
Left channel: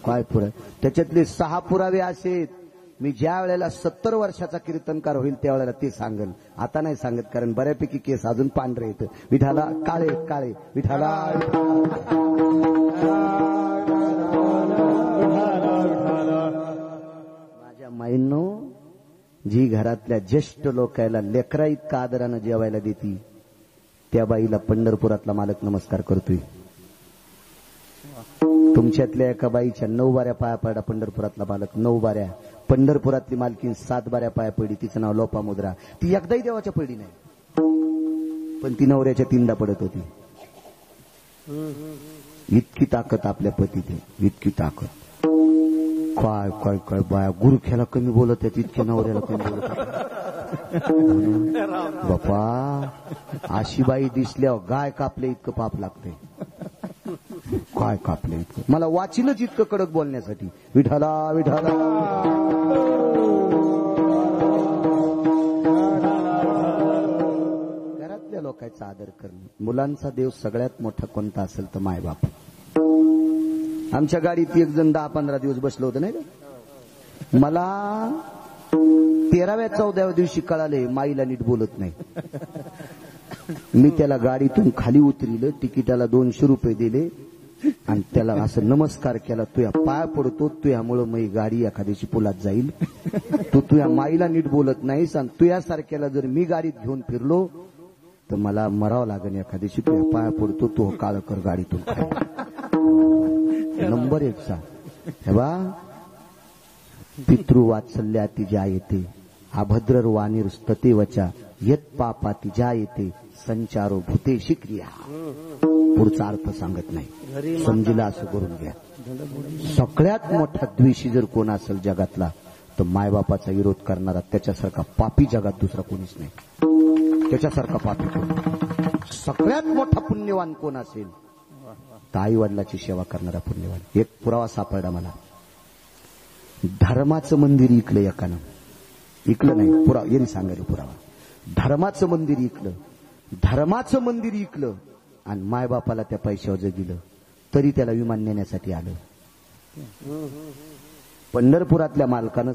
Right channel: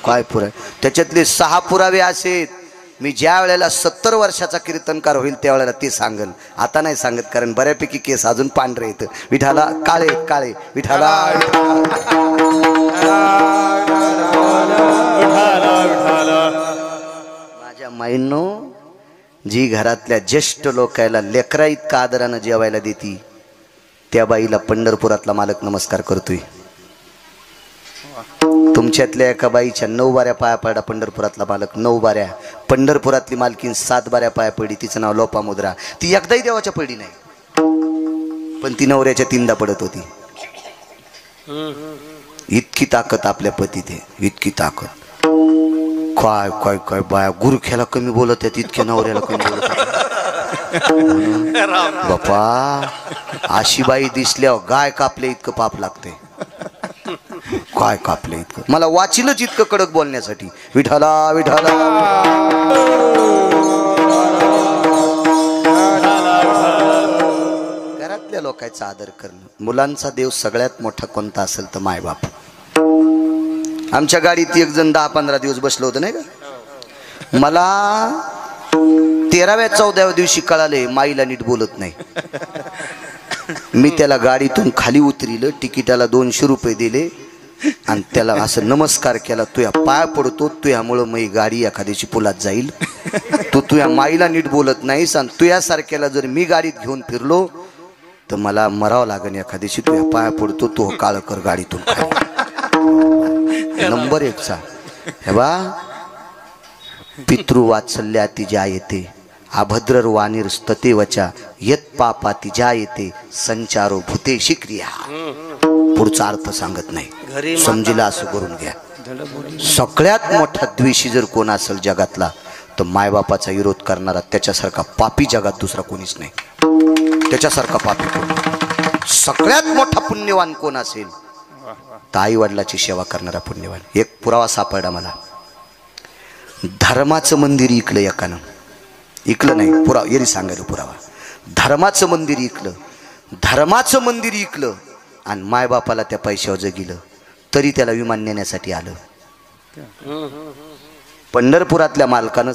काय पुरावे. त्याच्यातले 6 पुरावे असेत. मी ज्या वेळेला 70 वर्षाचा कीर्तनकार होईल त्यावेळेला ते सांगल. आता नाही सांगत, कारण बऱ्यापैकी केस अजून पांढरे येत. विठाला काळे काळे, विठाला माझ्या माईंनो, जी घरातल्या ज्येष्ठ लोकायला लेकरा इतका आदरानं जेवायला देती, त्या बाईला पंढरपुरातला मालक नमस्कार करतोय. तुमच्यातल्या एका बाईच्या 9 बाऱ्या पाया पडला पंढरपुरातला मालक. 9 बाऱ्या. पंढरपुरातली मालकीन 7 बाऱ्या पाया पडली. तिचं नाव लोपामुद्रा. ती एकदाही देवाच्या पडली नाही, पण ती नवऱ्याच्या 3दा पडत होती. इतकी ताकद आपल्या पतीत आहे, इतकी ताकद. काय काय काय बाया गुरख्याला कमी बोलत आहेत, इतक्या नवऱ्याला कमी बोलत बापा. अशी बाई दिसल्यावर गाय कापले इतकं पाप लागते. काय कापलं इतकं मला वाचिलच इतकं कडक बोलण्यासाठी विठाला विठाला घरातल्या लोकांचा आदर करणं मुलांचा देव सगळ्यात मोठा कोणता असेल तर मायबाप आमच्या गाडीत एक जण 10-15 दिवस बसलो होतं नाही का मला 13व्या-14व्या दिवशी कळाले माईला नीट बोलत नाही मी त्याला गाडीतून खाली उतरिलं तिकिटाला 200 रुपये दिले आणि त्याला असं नमस्कार केला तुया पाय पडतो तुयामुळं मी गाडी एखाद्याची पुलात जाईल तू तुया माईला नीट बोलत नाहीस आणि तुयासारख्याला जर मी गाडीत घेऊन फिरलो तर मला मरावं लागेल एखाद्याशी तुया पाय पडतो तो काळ कर गाडीतून नंबर 1चा हे बा पितृवात्सल्याती ज्या येते अभद्रर वाणीर स्ततेवचा यत पापाती ज्या येते संचारो भूतेशी क्रिया पुढचा अर्थ सांगत नाही समजीला असं करून घ्या सगळ्यात मोठा द्वेषी जर कोण असेल जगातला तर मायबापाचा विरोध करणारा त्याच्यासारखा पापी जगात दुसरा कोणीच नाही त्याच्यासारखा पापी कोण सगळ्यात मोठा पुण्यवान कोण असेल तर आई वडिलाची सेवा करणारा पुण्यवान एक पुरावा सापडला मला धर्माचं मंदिर इकलं एकानं इकलं नाही पुरावा येरी सांगायला पुरावा धर्माचं मंदिर इकलं आणि मायबापाला त्या पैशावर जगिलं तरी त्याला विमान नेण्यासाठी आलं पंढरपुरातल्या मालकानं